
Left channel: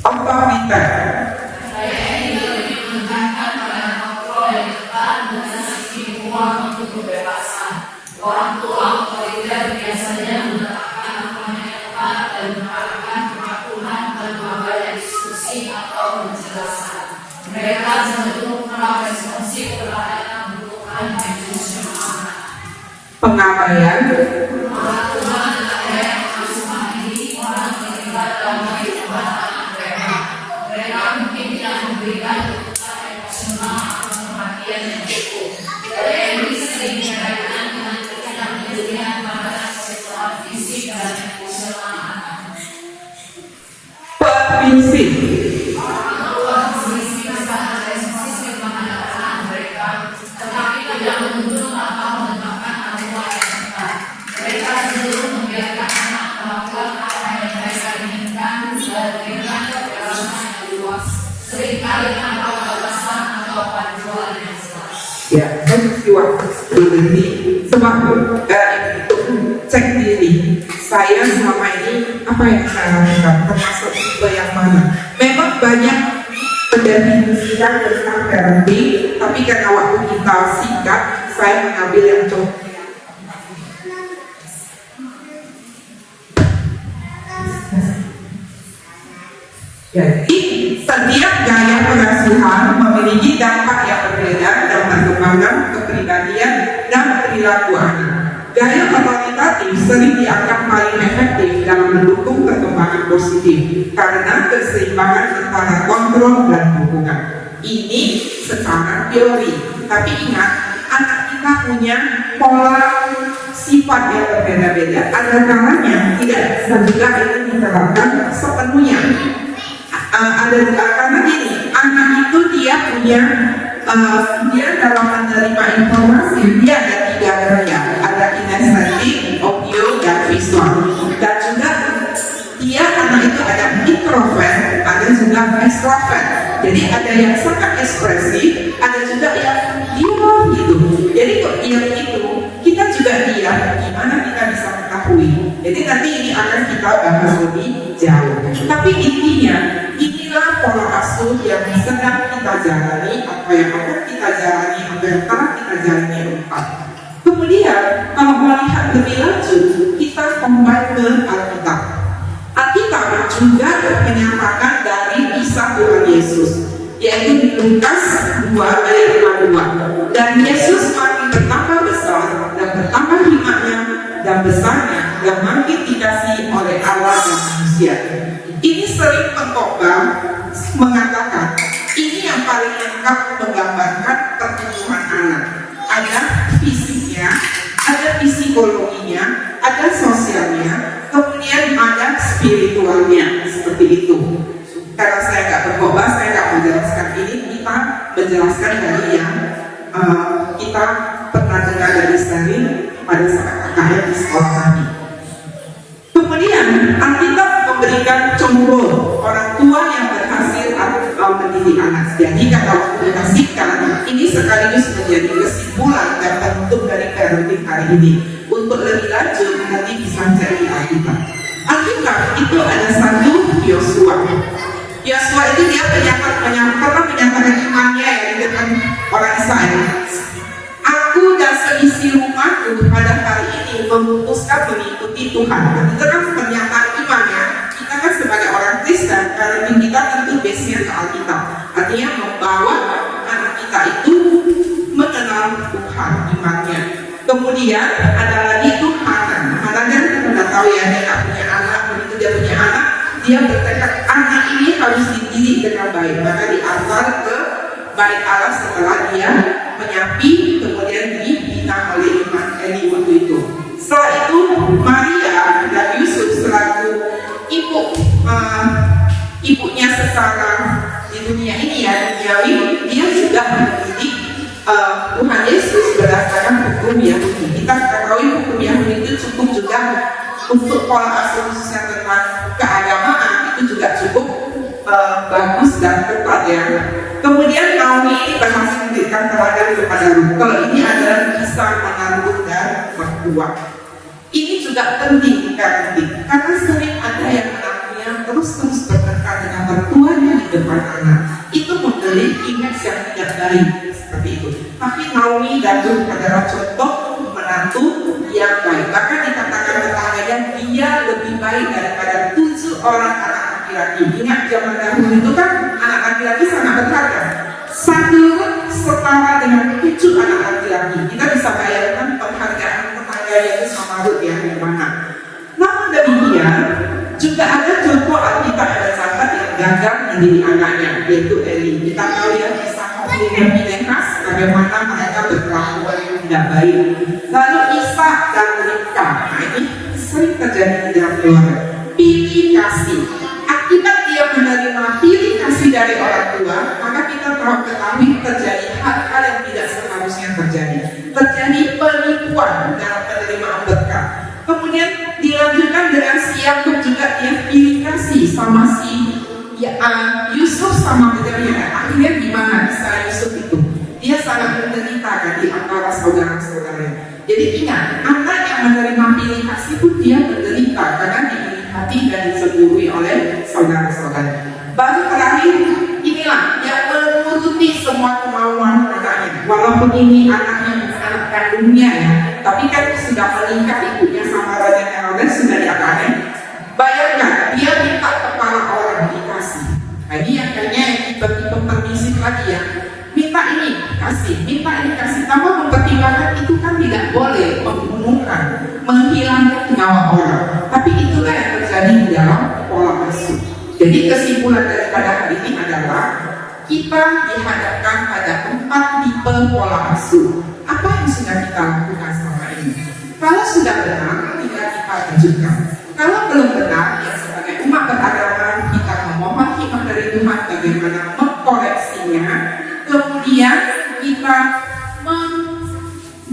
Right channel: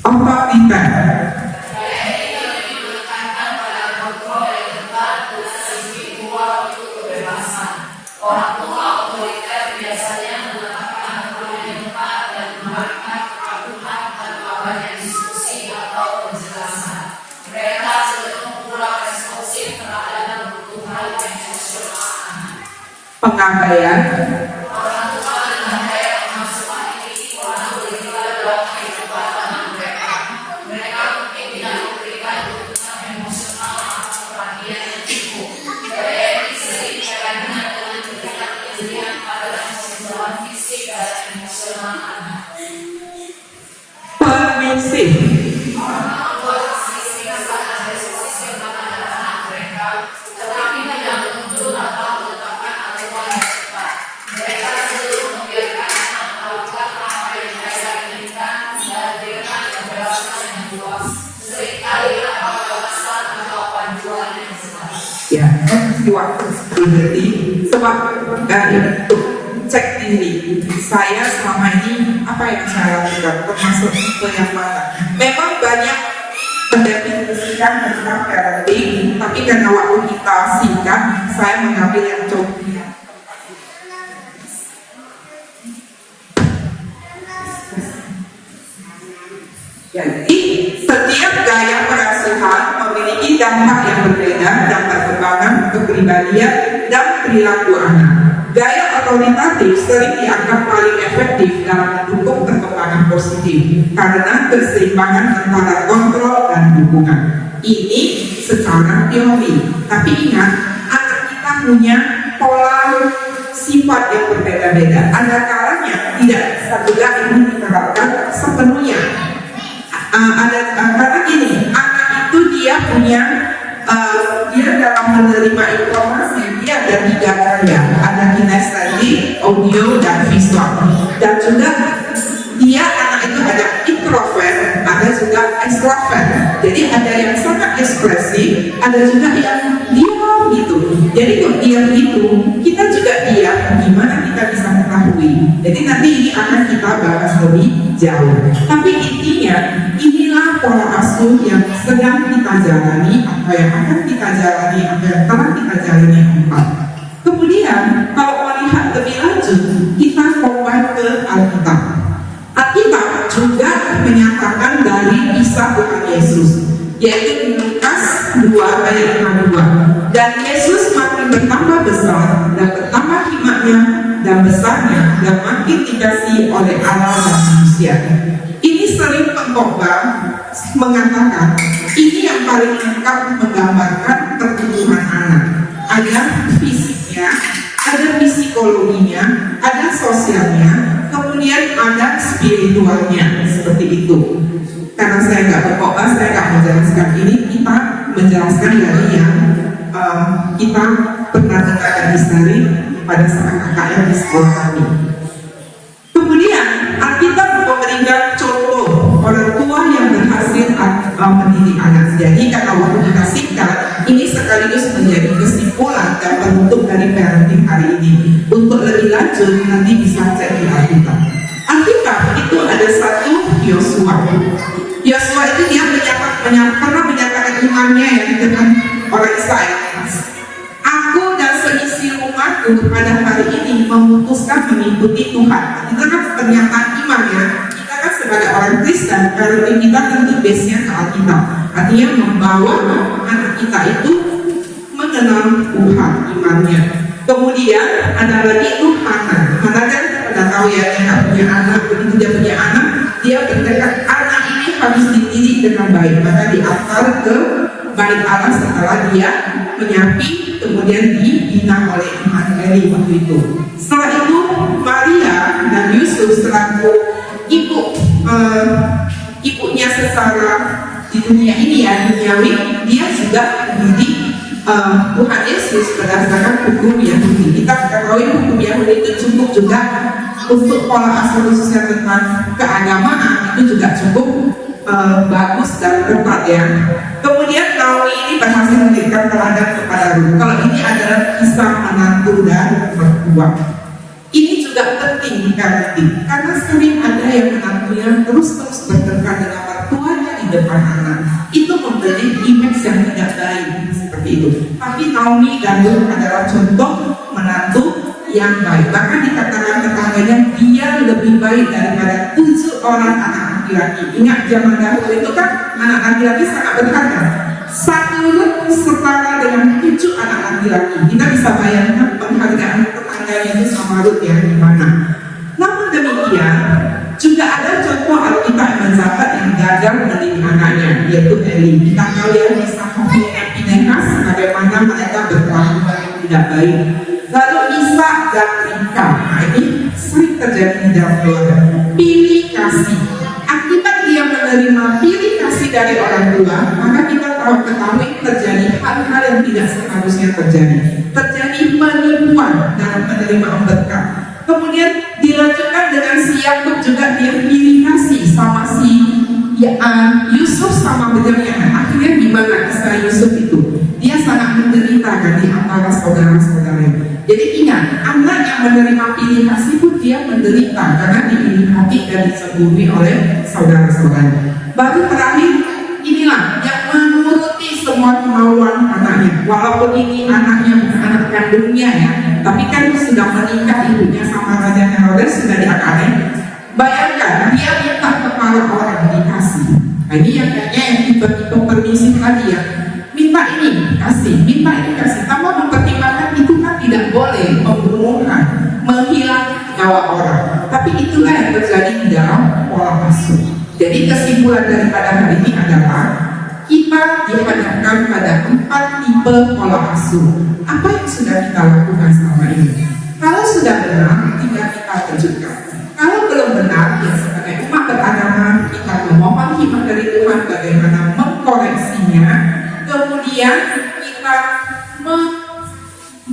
Otoriter. Orang tua otoriter biasanya menetapkan aturan yang tepat dan menerapkan peraturan tanpa banyak diskusi atau penjelasan. Mereka cenderung kurang responsif terhadap kebutuhan emosional. Pengabaian. Orang tua dan gaya pengasuhan ini orang terlibat dalam kehidupan anak mereka. Mereka mungkin tidak memberikan kebutuhan emosional atau perhatian yang cukup. Gaya ini sering dikaitkan dengan ketidakpedulian pada kebutuhan fisik dan emosional anak. Permisif. Orang tua sisi sangat responsif terhadap anak mereka, tetapi tidak menuntut atau menetapkan aturan yang tepat. Mereka cenderung membiarkan anak melakukan apa yang mereka inginkan dan dengan kebebasan yang luas, seringkali tanpa batasan atau panduan yang jelas. Ya, saya mesti waktu berhenti sebab itu cek diri saya selama ini apa yang saya lakukan, termasuk tipe yang mana. Memang banyak mendefinisikan tentang parenting, tapi karena waktu kita singkat, saya mengambil yang contoh. Jadi setiap gaya pengasuhan memiliki dampak yang berbeda dan perkembangan kepribadian dan perilaku anak. Gaya otoritatif sering dianggap paling efektif dalam mendukung perkembangan positif karena keseimbangan antara kontrol dan dukungan. Ini secara teori, tapi ingat, anak kita punya pola sifat yang berbeda-beda. Ada kalanya tidak bisa juga ini diterapkan sepenuhnya. Karena gini, anak itu dia punya dia dalam menerima informasi dia ada 3 gaya, ada kinestetik, audio, dan visual. Dan juga dia anak itu ada introvert, ada juga extrovert. Jadi ada yang sangat ekspresif, ada juga yang diam gitu. Jadi kalau diam itu kita juga diam, gimana kita bisa mengetahui. Jadi nanti ini akan kita bahas lebih jauh. Tapi intinya inilah pola asuh yang sedang kita jalani, apa yang akan kita jalani, apa yang telah kita jalani empat. Kemudian kalau melihat lebih lanjut, kita kembali ke Alkitab. Alkitab juga menyatakan dari kisah Tuhan Yesus, yaitu di Lukas 2 ayat 62. Dan Yesus makin bertambah besar dan bertambah hikmatnya dan besarnya dan makin dikasihi oleh Allah dan manusia. Ini sering pengkhotbah mengatakan ini yang paling lengkap menggambarkan pertumbuhan anak. Ada fisiknya, ada psikologinya, ada sosialnya, kemudian ada spiritualnya, seperti itu. Karena saya nggak berkhotbah, saya nggak menjelaskan ini. Kita menjelaskan dari yang kita pernah dengar dari Sari pada saat KKN di sekolah kami. Kemudian Alkitab memberikan contoh orang tua yang berhasil mendidik anak. Jadi kata waktu dikasihkan, ini sekaligus menjadi kesimpulan dan penutup dari parenting hari ini. Untuk lebih lanjut nanti bisa cek di Alkitab. Alkitab itu ada satu Yosua. Yosua itu dia pernah menyatakan imannya ya di depan orang Israel. Aku dan seisi rumahku pada hari ini memutuskan mengikuti Tuhan. Itu kan pernyataan imannya. Kita kan sebagai orang Kristen, kalau kita tentu base-nya ke Alkitab. Artinya membawa anak kita itu mengenal Tuhan imannya. Kemudian ada lagi itu Hana. Hana kan kita tahu ya, dia nggak punya anak. Begitu dia punya anak, dia bertekad anak ini harus dididik dengan baik. Maka diantar ke bait Allah setelah dia menyapi, kemudian dibina oleh Imam Eli waktu itu. Setelah itu Maria dan Yusuf selaku ibunya secara di dunia ini ya duniawi, dia juga mendidik Tuhan Yesus berdasarkan hukum Yahudi. Kita ketahui hukum Yahudi itu cukup juga untuk pola asuh khususnya tentang keagamaan itu juga cukup bagus dan tepat ya. Kemudian Naomi ini berhasil memberikan teladan kepada Ruth. Kalau ini adalah kisah menantu dan mertua. Ini juga penting di parenting karena sering ada yang menantunya terus bertengkar dengan mertuanya di depan anak. Itu memberi image yang tidak baik seperti itu. Tapi Naomi dan Ruth adalah contoh menantu yang baik. Bahkan dikatakan tetangganya dia lebih baik daripada 7 orang anak laki-laki. Ingat zaman dahulu itu kan anak laki-laki sangat berharga. Satu setara dengan 7 anak laki-laki. Kita bisa bayangkan penghargaan tetangganya itu sama Ruth ya gimana. Namun demikian juga ada contoh Alkitab mencatat yang gagal mendidik anaknya, yaitu Eli. Kita tahu ya kisah Hofni dan Pinehas bagaimana mereka berkelakuan yang tidak baik. Lalu Isa dan Ribka, nah ini sering terjadi di dalam keluarga. Pilih kasih. Akibat dia menerima pilih kasih dari orang tua, maka kita ketahui terjadi hal-hal yang tidak seharusnya terjadi. Terjadi penipuan dalam menerima berkat. Kemudian dilanjutkan dengan si Yakub juga dia pilih kasih sama si Yusuf sama Benyamin. Akhirnya gimana kisah Yusuf itu? Dia sangat menderita kan di antara saudara-saudaranya. Jadi ingat, anak yang menerima pilih kasih pun dia menderita karena diiring hati dan disebuhi oleh saudara-saudaranya. Baru terakhir inilah yang menuruti semua kemauan anaknya. Walaupun ini anaknya bukan anak kandungnya ya, tapi kan sudah menikah ibunya sama Raja Herodes sudah diangkatnya. Bayangkan dia minta kepala orang dikasih. Nah, ini yang kayaknya yang tipe-tipe permisif lagi ya. Minta ini kasih, minta ini kasih. Tanpa mempertimbangkan itu kan tidak boleh membunuhkan, menghilangkan nyawa orang. Tapi itulah yang terjadi di dalam pola asuh. Jadi kesimpulan daripada hari ini adalah kita dihadapkan pada 4 tipe pola asuh. Apa yang sudah kita lakukan selama ini? Kalau sudah benar, tinggal kita lanjutkan. Kalau belum benar, ya sebagai umat beragama kita memohon hikmat dari Tuhan bagaimana mengkoreksinya. Kemudian kita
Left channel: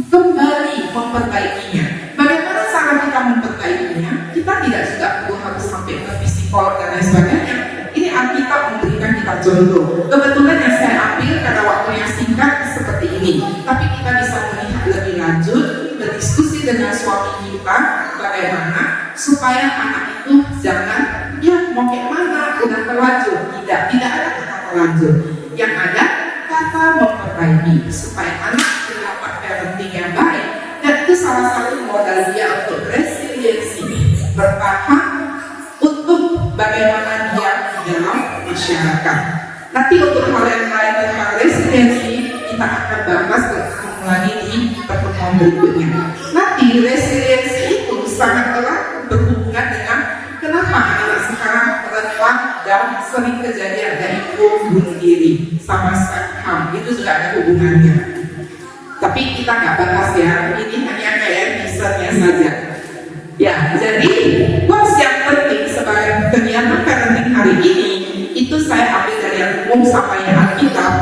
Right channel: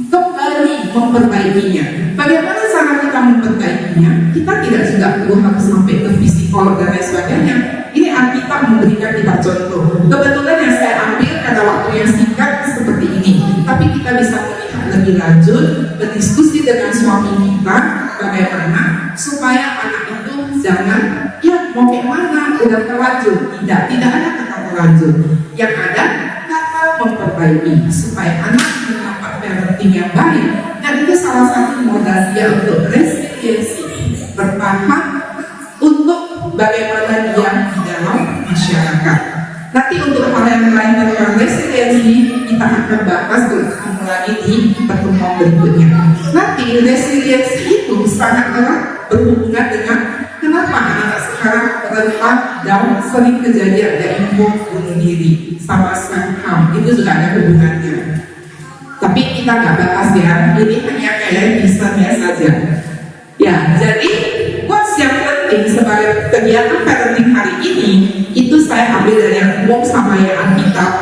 kembali memperbaikinya. Bagaimana cara kita memperbaikinya? Kita tidak juga perlu harus sampai ke psikolog dan lain sebagainya. Ini Alkitab memberikan kita contoh. Kebetulan yang saya ambil karena waktunya singkat seperti ini. Tapi kita bisa melihat lebih lanjut, berdiskusi dengan suami kita bagaimana supaya anak itu jangan ya mau kayak mana udah terlanjur. Tidak ada kata terlanjur. Yang ada kata memperbaiki supaya anak mendapat parenting yang baik. Dan itu salah satu modal dia untuk resiliensi, bertahan untuk bagaimana dia di dalam masyarakat. Nanti untuk hal yang lain tentang resiliensi kita akan bahas bersama lagi di pertemuan berikutnya. Nanti resiliensi itu sangat erat berhubungan dengan kenapa anak sekarang rentan dan sering kejadian ada info bunuh diri sama HAM, itu juga ada hubungannya. Tapi kita nggak bahas ya, ini hanya kayak misalnya saja. Ya, jadi what's yang penting sebagai kegiatan parenting hari ini itu saya ambil dari yang umum sama yang Alkitab.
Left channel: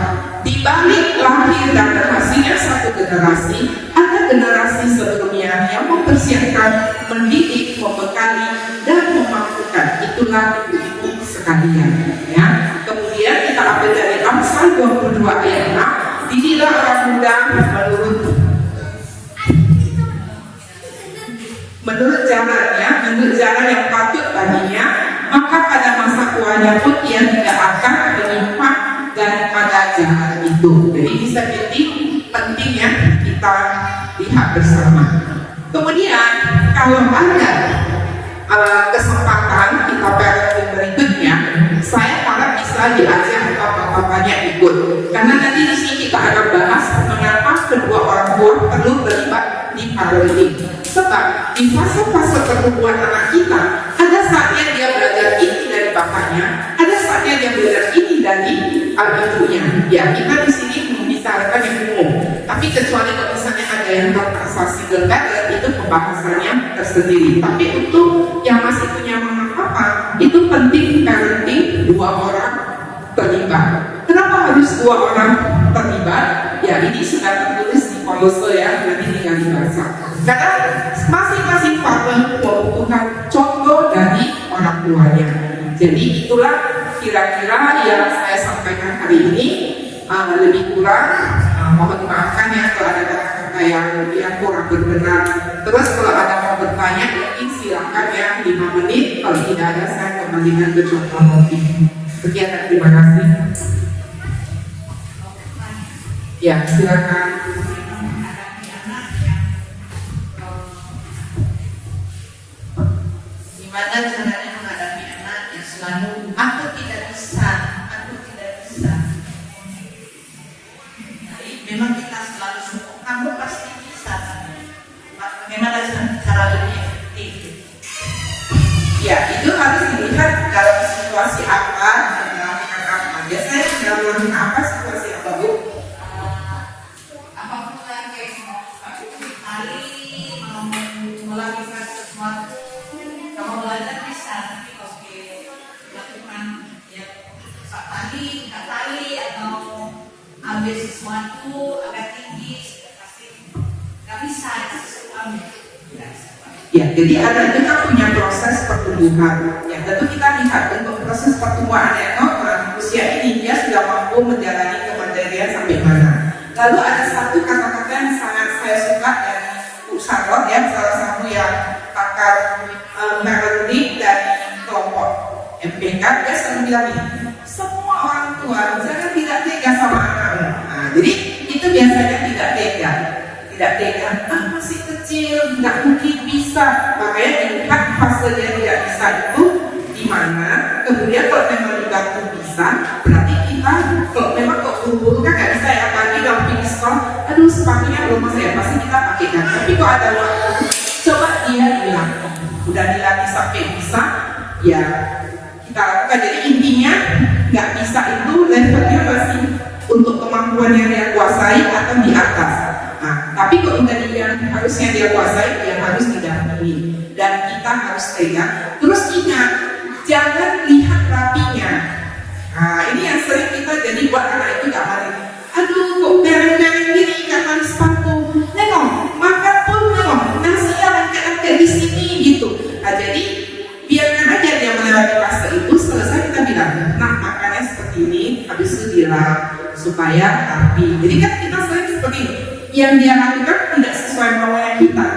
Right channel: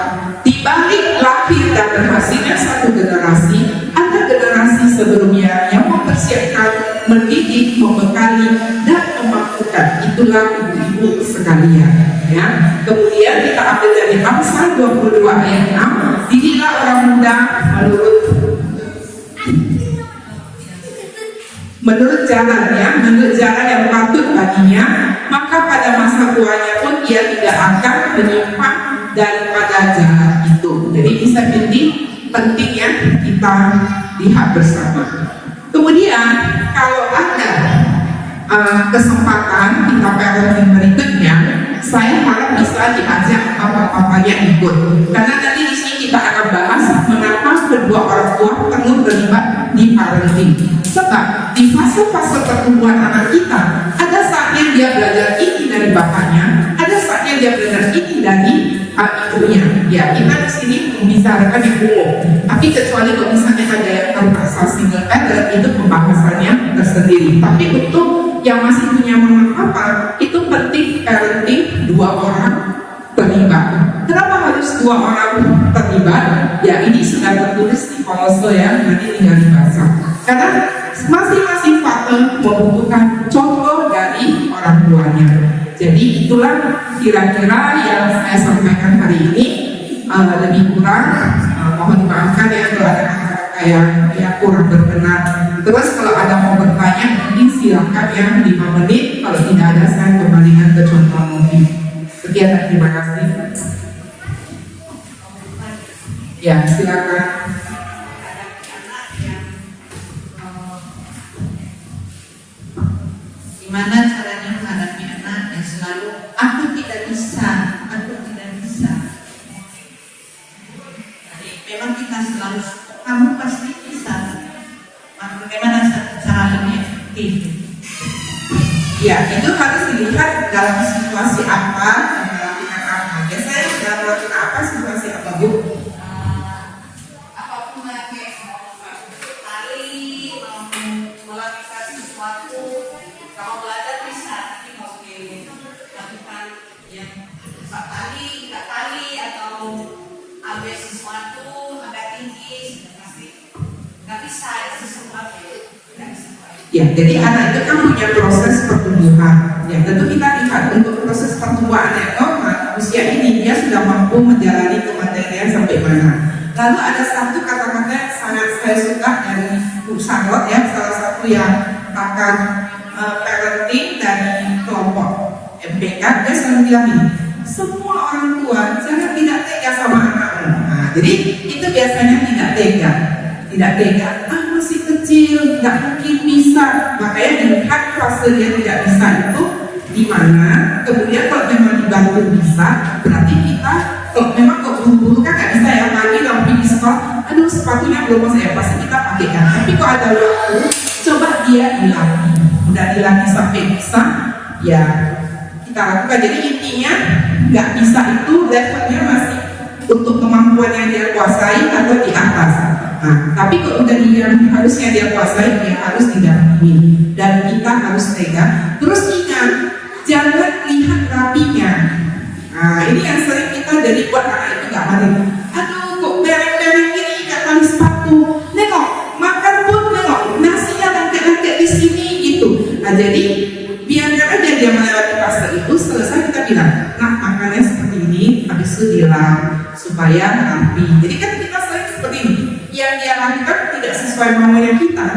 Tiba mempersiapkan, mendidik, membekali, dan memampukan. Itulah ibu-ibu sekalian. Ya. Kemudian kita ambil dari Amsal 22 ayat 6, didiklah orang muda menurut jalannya, menurut jalan yang patut baginya, maka pada masa tuanya pun ia tidak akan menyimpang daripada jalan itu. Jadi bisa jadi penting ya kita lihat bersama. Kemudian kalau ada kesempatan kita parenting berikutnya, saya malah bisa diajak apa-apanya ikut. Karena nanti di sini kita akan bahas mengapa kedua orang tua perlu terlibat di parenting. Sebab di fase-fase pertumbuhan anak kita, ada saatnya dia belajar ini dari bapaknya, ada saatnya dia belajar ini dari ibunya. Ya, kita di sini membicarakan yang umum. Tapi kecuali kalau misalnya ada yang terpaksa single parent, itu pembahasannya tersendiri. Tapi untuk yang masih punya mama papa, itu penting parenting dua orang terlibat. Kenapa harus dua orang terlibat? Ya, ini sudah tertulis di Kolose ya, nanti tinggal dibaca. Karena masing-masing partner membutuhkan contoh dari orang tuanya. Jadi itulah kira-kira yang saya sampaikan hari ini. Lebih kurang mohon dimaafkan ya kalau ada kata-kata yang kurang berkenan. Terus kalau ada mau bertanya mungkin silakan ya 5 menit. Kalau tidak ada saya kembalikan ke contoh mobil. Sekian dan terima kasih. Ya silakan. Gimana caranya menghadapi anak yang selalu aku tidak bisa, aku tidak bisa. Jadi memang kita selalu suka, kamu pasti bisa. Bagaimana cara lebih efektif? Ya itu harus dilihat dalam situasi apa dan melakukan apa. Biasanya dalam melakukan apa, situasi apa Bu? Apapun yang kayak tali, mau melakukan sesuatu. Kalau belajar bisa, tapi kalau lakukan yang tali, atau ambil sesuatu agak tinggi, pasti nggak bisa sesuatu ambil, nggak bisa. Ya, jadi anak itu kan punya proses pertumbuhan. Ya, tentu kita lihat untuk proses pertumbuhan yang normal, usia ini dia sudah mampu menjalani kemandirian sampai mana. Lalu ada satu kata-kata yang sangat saya suka dari Bu Charlotte ya, salah satu yang pakar parenting dari kelompok MPK, dia selalu bilang ini, semua orang tua jangan tidak tega sama anaknya. Nah, jadi itu biasanya tidak tega, masih kecil, nggak mungkin bisa. Makanya dilihat fase dia tidak bisa itu di mana. Kemudian kalau memang dibantu bisa, berarti kita kalau memang kok buru-buru kan nggak bisa ya, pagi kalau pergi sekolah, aduh sepatunya belum masuk ya, pasti kita pakaikan. Tapi kalau ada waktu, coba dia dilatih. Udah dilatih sampai bisa, ya kita lakukan. Jadi intinya nggak bisa itu levelnya masih untuk kemampuan yang dia kuasai atau di atas. Nah, tapi kalau udah dia harusnya dia kuasai, dia harus didampingi dan kita harus pegang. Terus ingat, jangan lihat rapinya. Nah, ini yang sering kita jadi buat anak itu nggak mau. Aduh, kok bereng-bereng gini ikat tali sepatu. Nengok, makan pun nengok, nasinya lengket-lengket di sini gitu. Nah, jadi biarkan aja dia melewati fase itu. Selesai kita bilang, nah makannya seperti ini, habis itu dilap supaya rapi. Jadi kan kita sering seperti ini. Yang dia lakukan tidak sesuai maunya kita.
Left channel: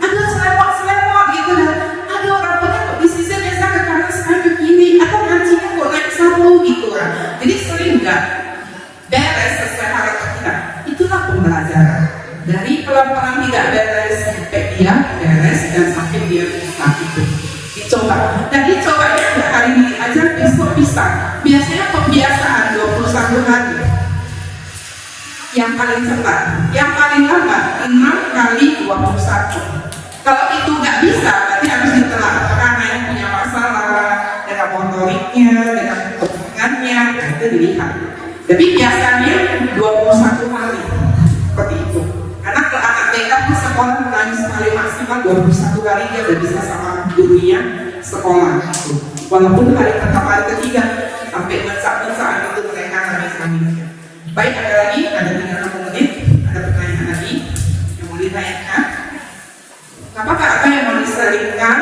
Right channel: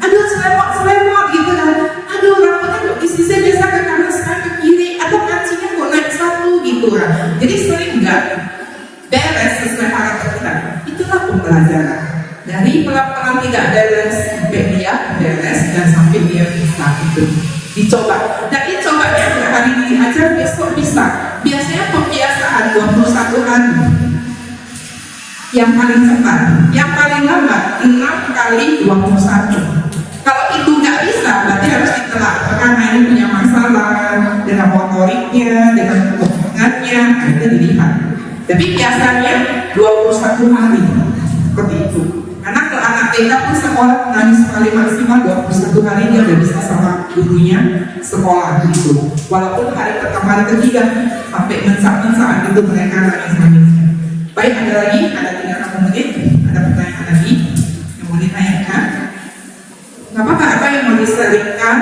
Aduh, selemot gitu dan aduh rambutnya kok disisir biasa ke kanan sekarang ke kiri, atau kancingnya kok naik satu gitu kan. Jadi sering enggak beres sesuai harapan kita. Itulah pembelajaran. Dari pelan-pelan tidak beres sampai dia beres dan sampai dia bisa itu. Dicoba. Dan dicobanya enggak hari ini aja, besok bisa. Biasanya pembiasaan 21 hari. Yang paling cepat, yang paling lambat 6 kali 21. Kalau itu nggak bisa, berarti harus ditelak. Karena yang punya masalah dengan motoriknya, dengan perkembangannya, nah itu dilihat. Jadi biasanya 21 hari seperti itu. Karena kalau anak TK pun sekolah nangis paling maksimal 21 hari dia udah bisa sama gurunya sekolah gitu. Walaupun hari pertama, hari ketiga sampai mensak-mensak itu mereka nangis-nangis. Baik, ada lagi, ada 30 menit, ada pertanyaan lagi yang mau ditanyakan. Nah, Apakah ada yang mau diselipkan?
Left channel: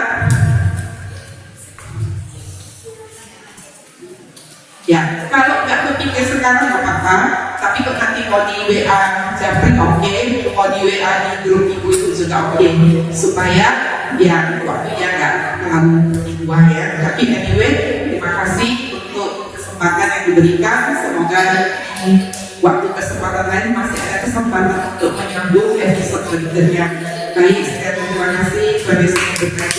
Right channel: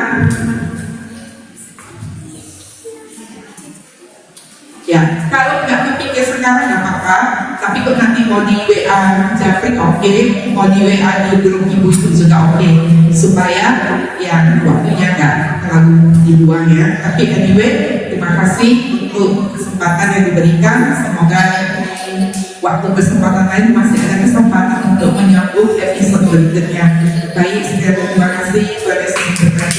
Ya, kalau nggak kepikir sekarang nggak apa-apa, tapi kalau nanti mau di WA Japri oke, mau di WA di grup ibu itu juga oke, supaya yang waktunya nggak terlalu dibuang ya. Tapi anyway, terima kasih untuk kesempatan yang diberikan. Semoga di waktu kesempatan lain masih ada kesempatan untuk menyambung episode berikutnya. Baik, sekali terima kasih. Pada kesempatan